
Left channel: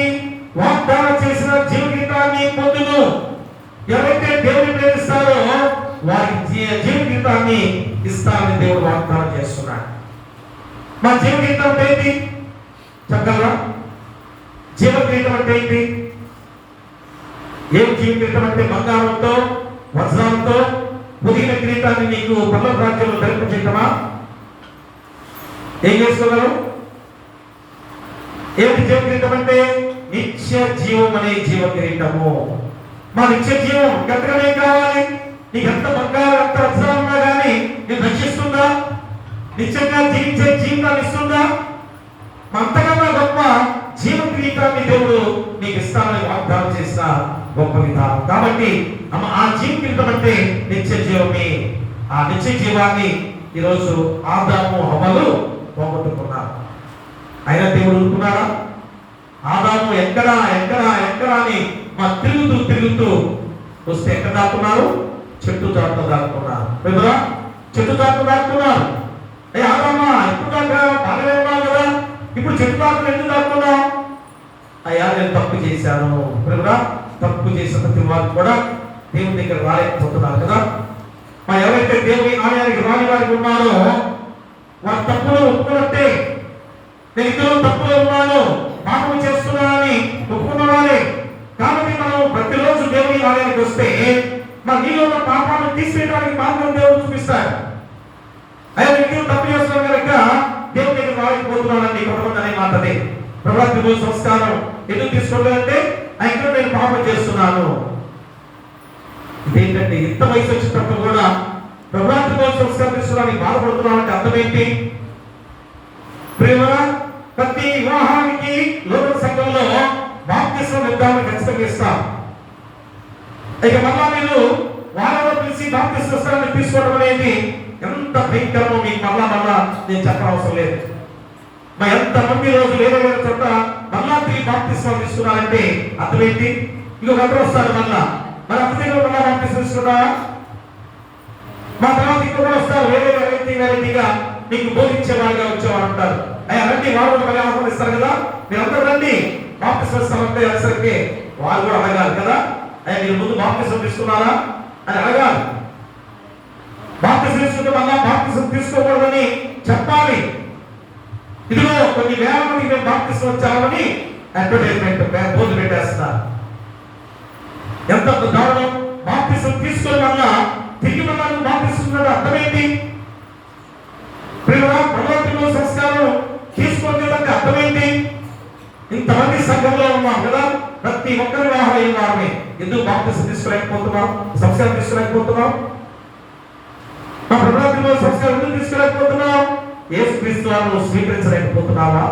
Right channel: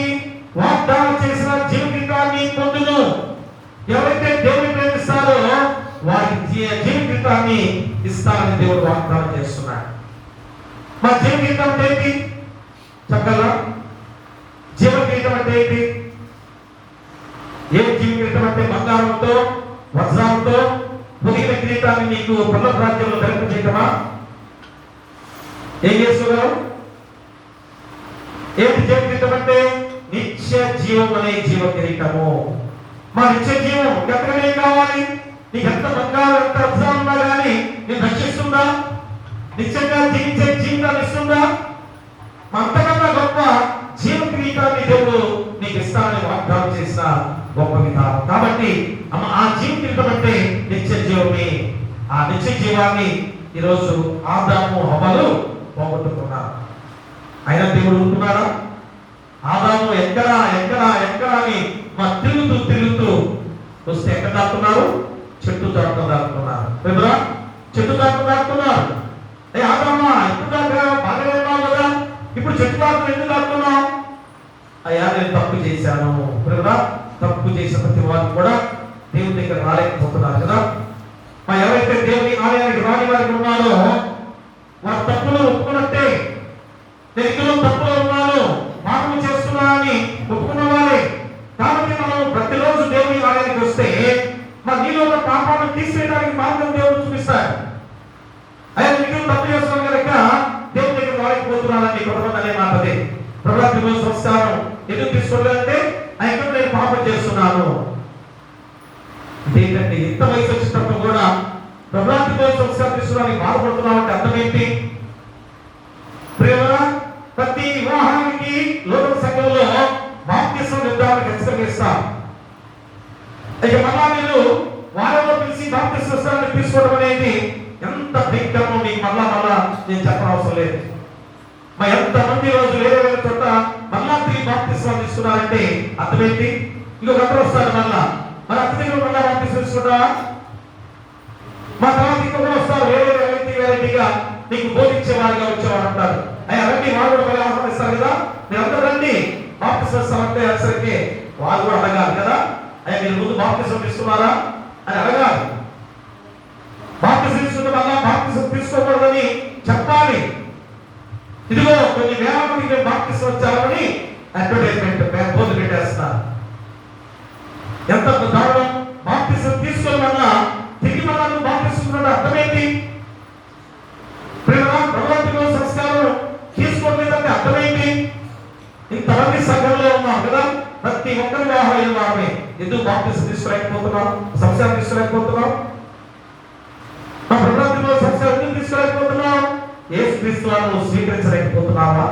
వాగ్దానం చేసిన జీవ కిరీటాన్ని పొందును. ఎవరైతే దేవుని ప్రేమిస్తారో వారికి జీవ కిరీటాన్ని ఇస్తానని దేవుడు వాగ్దానం చేస్తున్నాడు. మా జీవ కిరీటం అంటే ఏంటి చెప్పగలరా? జీవ కిరీటం అంటే ఏంటి? ఏం జీవ కిరీటం అంటే బంగారంతో వజ్రాలతో పొదిగిన కిరీటాన్ని నీకు పర్లోక రాజ్యంలో ధరింప చేయటమా? ఏం చేసుకోగలరు? ఏమిటి జీవ కిరీటం అంటే? నిత్య జీవం అనే జీవ కిరీటము. మా నిత్య జీవం ఎంతగానే కావాలి? నీకు ఎంత బంగారం ఎంత వజ్రాలు ఉన్నా కానీ నేను రక్షిస్తుందా? నిత్యంగా జీవించే జీవితాన్ని ఇస్తుందా? అంతకన్నా గొప్ప జీవ కిరీటాన్ని దేవుడు నీకు ఇస్తానని వాగ్దానం చేసిన గొప్ప విధానం. కాబట్టి ఆ జీవ కిరీటం అంటే నిత్య జీవమే. ఆ నిత్య జీవాన్ని ఈరోజు ఆదాము హవ్వలు పోగొట్టుకున్నారు. అయినా దేవుడు ఉంటున్నాడా? ఆదాము ఎక్కడా ఎక్కడా ఎక్కడా అని తిరుగుతూ వస్తే ఎక్కడ దాక్కున్నారు? చెట్టు చాటుతో దాక్కున్నారు. ఎవరా? చెట్టు చాటుతో దాక్కున్నారు. ఆదామా ఎప్పుడు దాకా బాగానే ఉన్నావు కదా, ఇప్పుడు చెట్టు చాటుతో ఎందుకు దాక్కున్నావు? అయ్యా నేను తప్పు చేశాను. ఎవరా? తప్పు చేసిన ప్రతి వారు కూడా దేవుని దగ్గర రాలేకపోతున్నారు కదా. ఎవరైతే దేవుని ఆలయానికి రాని వారికి ఉన్నారో వారి తప్పులు ఒప్పుకున్నట్టే. నేను ఇందులో తప్పులో ఉన్నాను, పాపం చేస్తున్నానని ఒప్పుకున్నవారే. కాబట్టి మనం ప్రతిరోజు దేవుని ఆలయానికి వస్తే నీలో ఉన్న పాపాలను తీసేయడానికి మార్గం దేవుడు చూపిస్తాడు. అయ్యా నేను తప్పు చేస్తున్నాను కనుక దేవుని దగ్గర రాలేకపోతున్నానని కొంతమంది అనే మాట అదే. ప్రభాతి రోజు సంస్కారం ఎందుకు తీసుకోలేదంటే ఆయన నేను పాపం చేస్తున్నాను. ఇదేంటంటే ఇంత వయసు వచ్చినప్పుడు కూడా ప్రభాతి రోజు సంస్కారం తీసుకోవడానికి బాధపడుతున్నామంటే అర్థం ఏంటి? ప్రేమ ప్రతి వివాహానికి లోక సంఘంలో బాప్తిస్మ నిర్ధారణ ఖచ్చితంగా ఇస్తాం. ఇక మళ్ళా మీరు వారంలో పిలిచి బాప్తిస్మ తీసుకోవడం అనేది ఎంత భయంకరమో మీకు మళ్ళా నేను చెప్పనవసరం లేదు. ఎంతమంది రోజు వేరే వేరే చోట మళ్ళా తిరిగి బాప్తిస్మ తీసుకున్నారంటే అర్థం ఏంటి? ఇంకొక అక్కడ వస్తారు మళ్ళా మరి అర్థం మళ్ళా బాప్తిస్మ తీసుకున్నారా? మా తర్వాత ఇంకొకరు వస్తారు వేరే వెరైటీగా మీకు బోధించే వారిగా వచ్చేవారు ఉంటారు. అయ్యా రండి, వారు కూడా మళ్ళీ ఆహ్వానిస్తారు కదా, మీరు అందరూ రండి బాప్తిస్మ అంటే అసలుకే వారు కూడా అడగాలి కదా. అయ్యా మీరు ముందు బాప్తిస్మ తీసుకున్నారా అని అడగాలి. బాప్తిస్మ తీసుకుంటే మళ్ళా బాప్తిస్మ తీసుకోకూడదని చెప్పాలి. ఇదిగో కొన్ని వేల మందికి మేము బాప్తిస్మ వచ్చామని అడ్వర్టైజ్మెంట్ బోర్డు పెట్టేస్తున్నారు. ఎంత దారుణం! బాప్తిస్మ తీసుకుని వల్ల తిరిగి మళ్ళా బాప్తిస్మ అర్థమేంటి? ప్రభుత్వ సంస్కారం తీసుకోలేదంటే అర్థమేంటి? ఇంతమంది సంఘంలో ఉన్నాం కదా, ప్రతి ఒక్కరి వివాహం అయిన వారిని ఎందుకు బాప్తిస్మ తీసుకోలేకపోతున్నాం? సంస్కారం తీసుకోలేకపోతున్నాం? మా ప్రభుత్వ సంస్కారం ఎందుకు తీసుకోలేకపోతున్నాం? యేసుక్రీస్తు వారిని స్వీకరించలేకపోతున్నావా?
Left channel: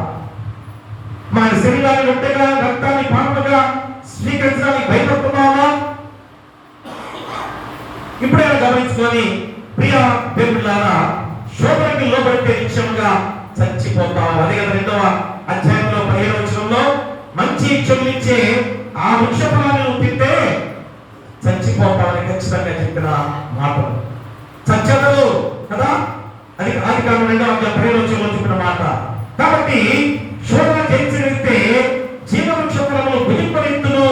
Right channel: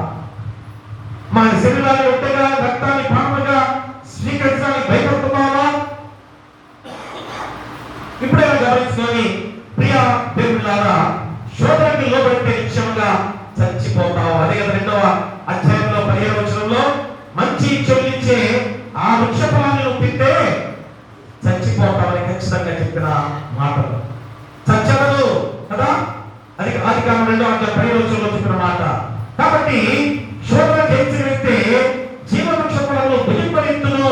మా శరీరాన్ని రొట్టెగా రక్తాన్ని పాపంగా స్వీకరించడానికి భయపడుతున్నావా? ఇప్పుడైనా గమనించుకొని ప్రియ దేవులారా, శోధనకి లోబడితే నిశ్చయంగా చచ్చిపోతావు. అదే కదా 2వ అధ్యాయంలో 15వ వచనంలో మంచి చెల్లించే ఆ వృక్ష ఫలాన్ని నువ్వు తింటే చచ్చిపోతావని ఖచ్చితంగా చెప్పిన మాటలు. చచ్చదు కదా, అది ఆది కాండం 2వ అధ్యాయం 15వ వచనంలో చెప్పిన మాట. కాబట్టి శోధన జయించగలిగితే జీవవృక్ష ఫలములు భుజింపనిత్తును.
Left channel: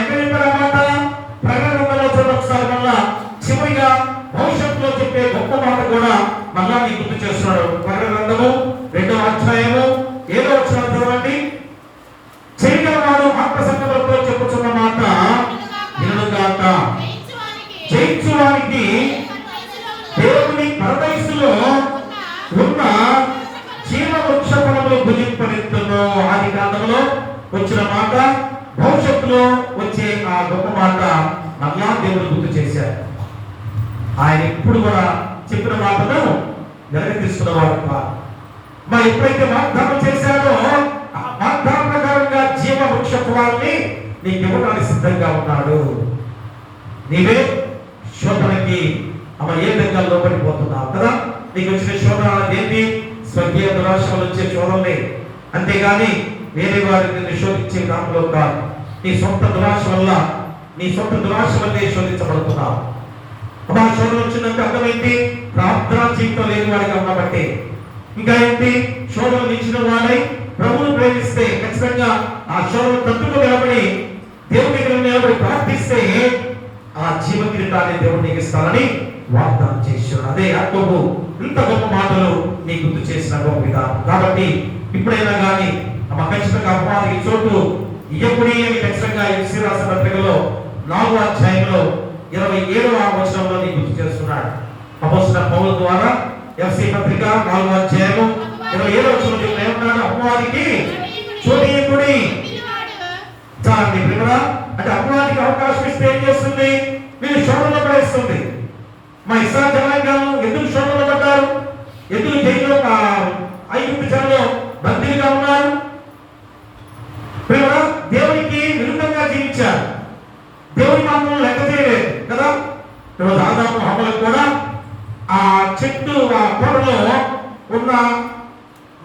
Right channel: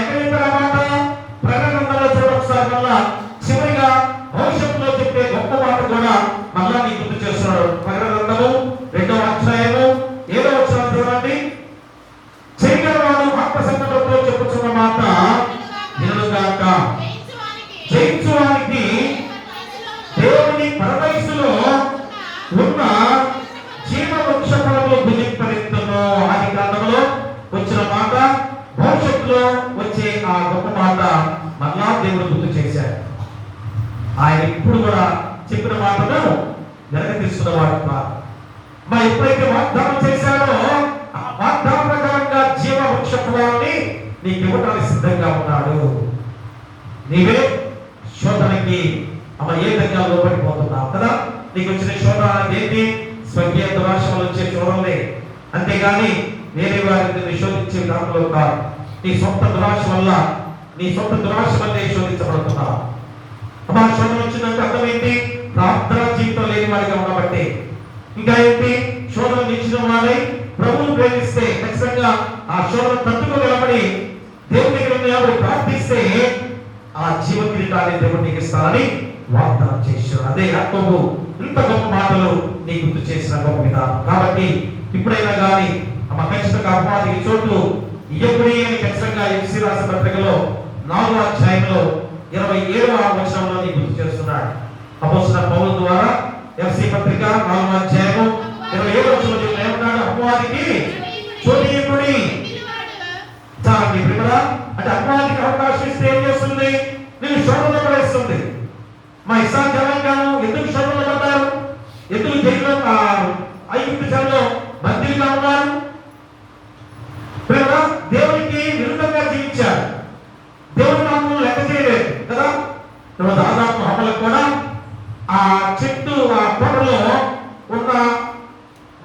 ఎక్కడ చెప్పారు ఆ మాట? ప్రకటన గ్రంథంలో చూడండి ఒకసారి. మళ్ళా చివరిగా భవిష్యత్తులో చెప్పే గొప్ప మాట కూడా మళ్ళా నీకు గుర్తు చేస్తున్నాడు. ప్రకటన గ్రంథము 2వ అధ్యాయము 7వ వచనం చూడండి. చేయగలవాడు ఆత్మ సంగతులతో చెప్పుచున్న మాట గ్రంథంలో ఆది కాండంలో వచ్చిన మాట భవిష్యత్తులో వచ్చే ఆ గొప్ప మాట మరలా దేవుడు గుర్తు చేశాడు. ఆయన ఎప్పుడు కూడా చెప్పిన మాటను వెనక్కి తీసుకున్నవాడు కాదు. మరి ఎప్పుడైతే వాగ్దానం చేశాడో ఆ వాగ్దాన ప్రకారంగా జీవ వృక్ష ఫలాన్ని నీకు ఇవ్వడానికి సిద్ధంగా ఉన్నాడు. నీవే శోధనకి ఏ విధంగా లోపడిపోతున్నావు కదా. నీకు వచ్చిన శోధన ఏంటి? స్వర్గీయ దురాశ వచ్చే శోధనలే, అంతేగాని వేరే వారిని నిషోధించే దాంట్లో కాదు. నీ సొంత దురాశ వల్లే శోధించబడుతున్నావు. అమ్మా, శోధన వచ్చిందంటే అర్థమైంది, ప్రార్థనా జీవితం లేని వాడిగా ఉన్నబట్టే. ఇంకా ఏంటి? శోధన ఇచ్చిన వాడై ప్రభువును ప్రేమిస్తే ఖచ్చితంగా ఆ శోధన తట్టుకు నిలబడి దేవుని దగ్గర ప్రార్థిస్తే ఆ జీవ కిరీటాన్ని దేవుడు నీకు ఇస్తానని వాగ్దానం చేశాడు. అదే యాకోబు ఇంత గొప్ప మాటలు నీ గుర్తు చేసిన గొప్ప విధానం. కాబట్టి ఇప్పుడైనా కానీ ఖచ్చితంగా అపవాదికి చోటు ఇయ్యకుడి అని ఖచ్చితంగా ఎఫ్సీ రాసిన పత్రికలో 4వ అధ్యాయంలో 27వ వచనంలో నీ గుర్తు చేస్తున్నాడు. అపోస్తలుడైన పౌలు ద్వారా ఎఫ్సీ పత్రిక 4వ అధ్యాయం 27వ వచనంలో ఏమంటాడు? అపవాదికి చోటు ఇయ్యకుడి. చాలండి ప్రియులారా, అంటే అపవాదికి అవకాశం ఇస్తే ఏం చేస్తుంది? నేను శోధనలో పడేస్తుంది. మా ఇస్రాయేలు జనాంగం ఎందుకు శోధనలో పడ్డారు? ఎందుకు జైల్లో ఐగుప్తు చెరలో బందీలుగా ఉన్నారు? దేవునికి విరుద్ధంగా జీవించారు. దేవుని నామం లెక్క చేయలేదు కదా. ఈరోజు ఆదాము హవ్వలకు కూడా ఆ చెట్టు ఆ పొడలో ఉన్న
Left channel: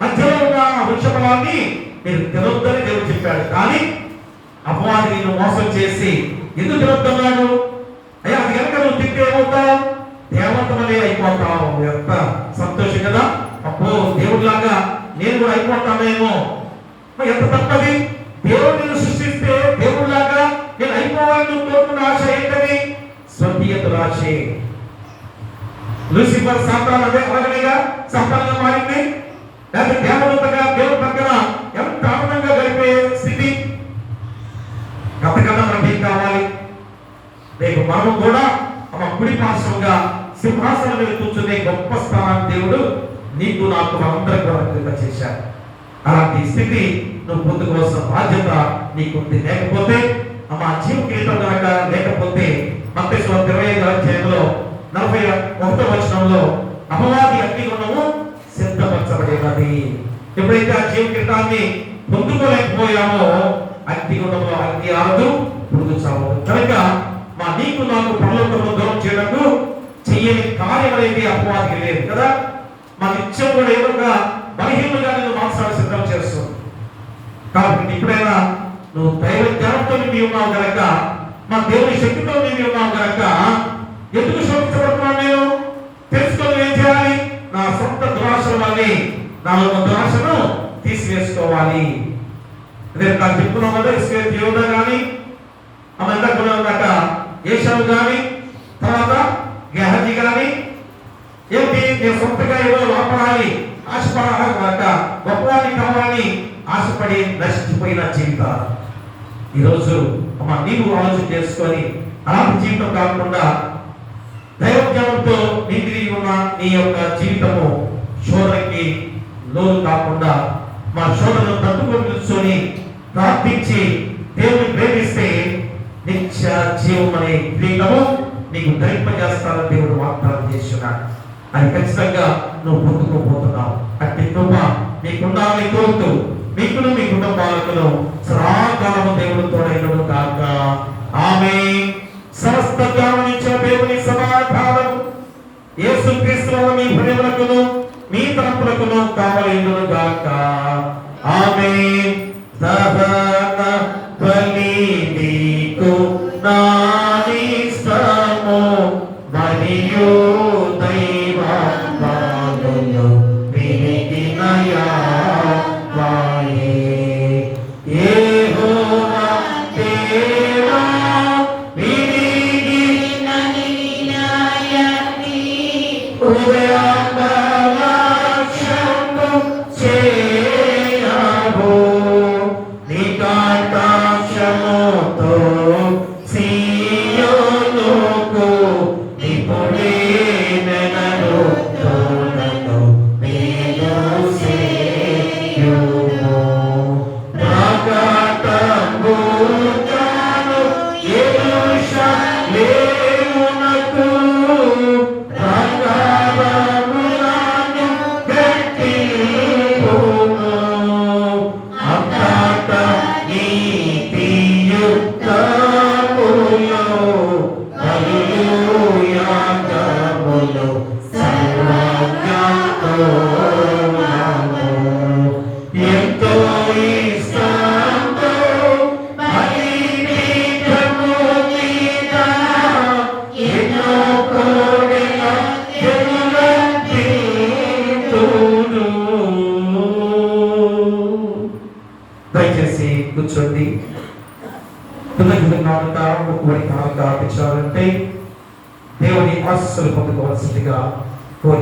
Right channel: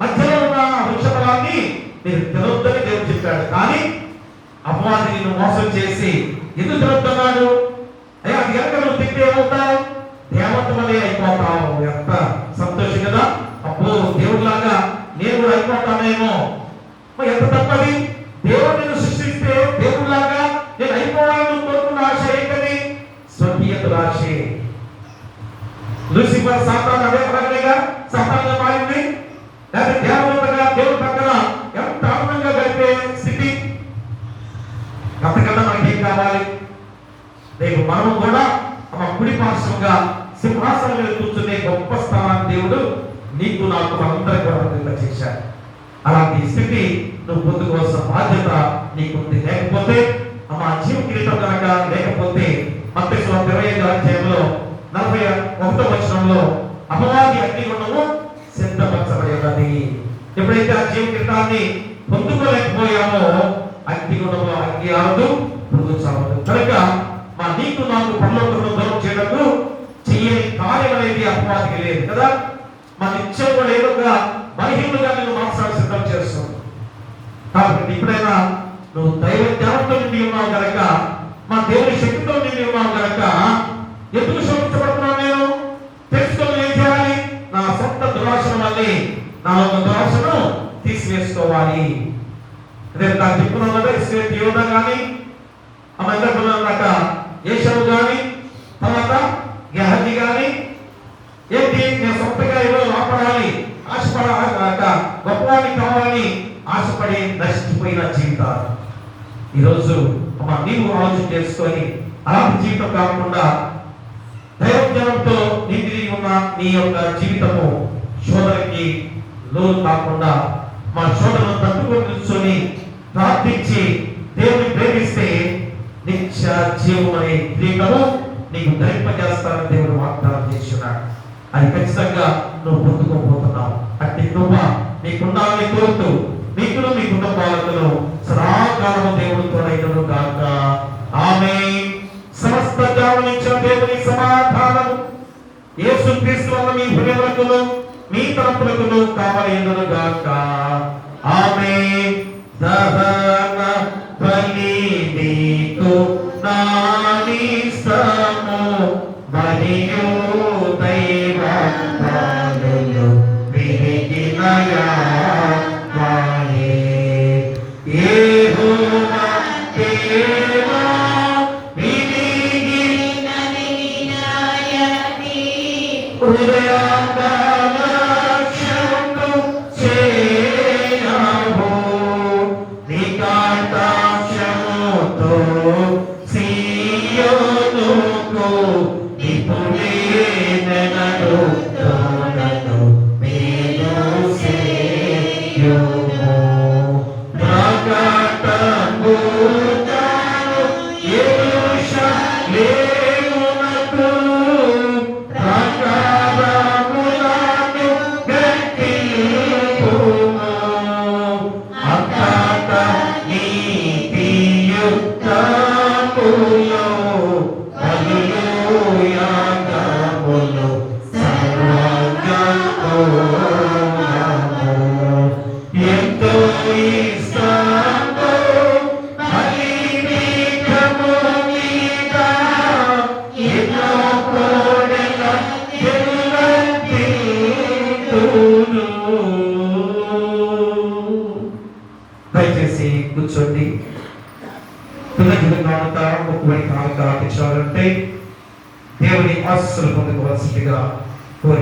మధ్యలో ఉన్న వృక్ష ఫలాన్ని మీరు తినొద్దని దేవుడు చెప్పాడు. కానీ అపవాది నిన్ను మోసం చేసి ఎందుకు తినొద్దన్నాడు? అయ్యా, అది కనుక నువ్వు తింటే ఏమవుతావు? దేవత వలె అయిపోతావు. ఎంత సంతోషం కదా. అబ్బో, దేవుడిలాగా నేను కూడా అయిపోతానేమో. ఎంత తప్పది. దేవుడు నిన్ను సృష్టిస్తే దేవుడిలాగా నేను అయిపోవాలని కోరుకున్న ఆశ ఏంటది? స్వర్గీయ దురాశే. లూసిఫర్ సాతాను అదే అలాగనేగా సాతానుగా మారింది. లేకపోతే దేవదూతగా దేవుడి పక్కన ఎంత ఆనందంగా గడిపే స్థితి. అంతకన్నా మనకి ఏం కావాలి? రేపు మనం కూడా కుడి పార్శ్వంగా సింహాసనం మీద కూర్చునే గొప్ప స్థానాన్ని దేవుడు నీకు నాకు మనందరికీ కూడా చేశాడు. అలాంటి స్థితి నువ్వు పొందుకోవాల్సిన బాధ్యత నీకుంది. లేకపోతే జీవ కిరీటం కనుక లేకపోతే మత్తయి 25వ అధ్యాయంలో 41వ వచనంలో అపవాది అగ్నిగుండము సిద్ధపరచబడినది. ఎప్పుడైతే ఆ జీవ కిరీటాన్ని పొందుకోలేకపోయామో అగ్నిగుండంలో అగ్ని ఆరదు, పురుగు చావదు. కనుక నీకు నాకు పరలోకంలో దూరం చేయడానికి చెయ్యని కార్యం అనేది అపవాదికి లేదు కదా. నిత్యం కూడా ఏదో ఒక బలహీనులుగా నేను మాట్లాడి సిద్ధం చేస్తుంది. కాబట్టి ఇప్పుడైనా నువ్వు దైవ జ్ఞానంతో నిండి ఉన్నావు కనుక, దేవుని శక్తితో నిండి ఉన్నావు కనుక ఎందుకు శోధించబడుతున్నావు? నేను తెలుసుకొని ఏం చేయాలి? నా సొంత దురాశల వల్లే నాలో దురాశను తీసివేసుకోవాలి. నాకు చెప్పుకున్నాం కదా, ఇస్రాయేలు యోధ కానీ అన్నాక ఏషావు కానీ తర్వాత గెహజీ కానీ ఏంటి, నేను సొంతగా ఏవో లోపడాలి ఆశపడాక గొప్పవాడిని కావాలని ఆశపడి నష్టపోయిన జీవితాలు. ఈరోజు నీవు ఆలోచన చేసుకొని అలాంటి జీవితం కాకుండా దైవజ్ఞానంతో నిండి ఉన్న నీ యొక్క జీవితము శోధనకి లోను కాకుండా శోధనను తట్టుకొని కూర్చొని ప్రార్థించి దేవుని ప్రేమిస్తే నిత్య జీవం అనే కిరీటము నీకు ధరింపజేస్తానని దేవుడు వాగ్దానం చేస్తున్నాడు. అది ఖచ్చితంగా నువ్వు పొందుకోబోతున్నావు. అట్టి కృప నీకుండాలని కోరుతూ మీకును మీ కుటుంబాలను సదాకాలము దేవుడు తోడైనను గాక. ఆమేన్. సమస్త జ్ఞానమిచ్చిన దేవుని సమాధానము యేసుక్రీస్తు మీ హృదయములకును మీ తలంపులకును కావలేనును గాక. ఆమేన్. దహన బలి నీకు నానిస్తము మరియు దైవ పాలన విరిగినయా వాయే యెహోవా దేవా విరిగినని నాయని ఉదయంగా అపాట నీతియుక్తములో హల్లెలూయాగములు సర్వజ్ఞతో ఎంతో ఇష్టంతో బలిపీఠము మీద ఎన్నో కోడెల ఎలుగెత్తును. దయచేసి కూర్చోండి. పిల్లలు నాలుక ముక్కుబడి కాలుక ఆపించాలంటే దేవుని ఆశీస్సులు పొందుకోవాల్సిందిగా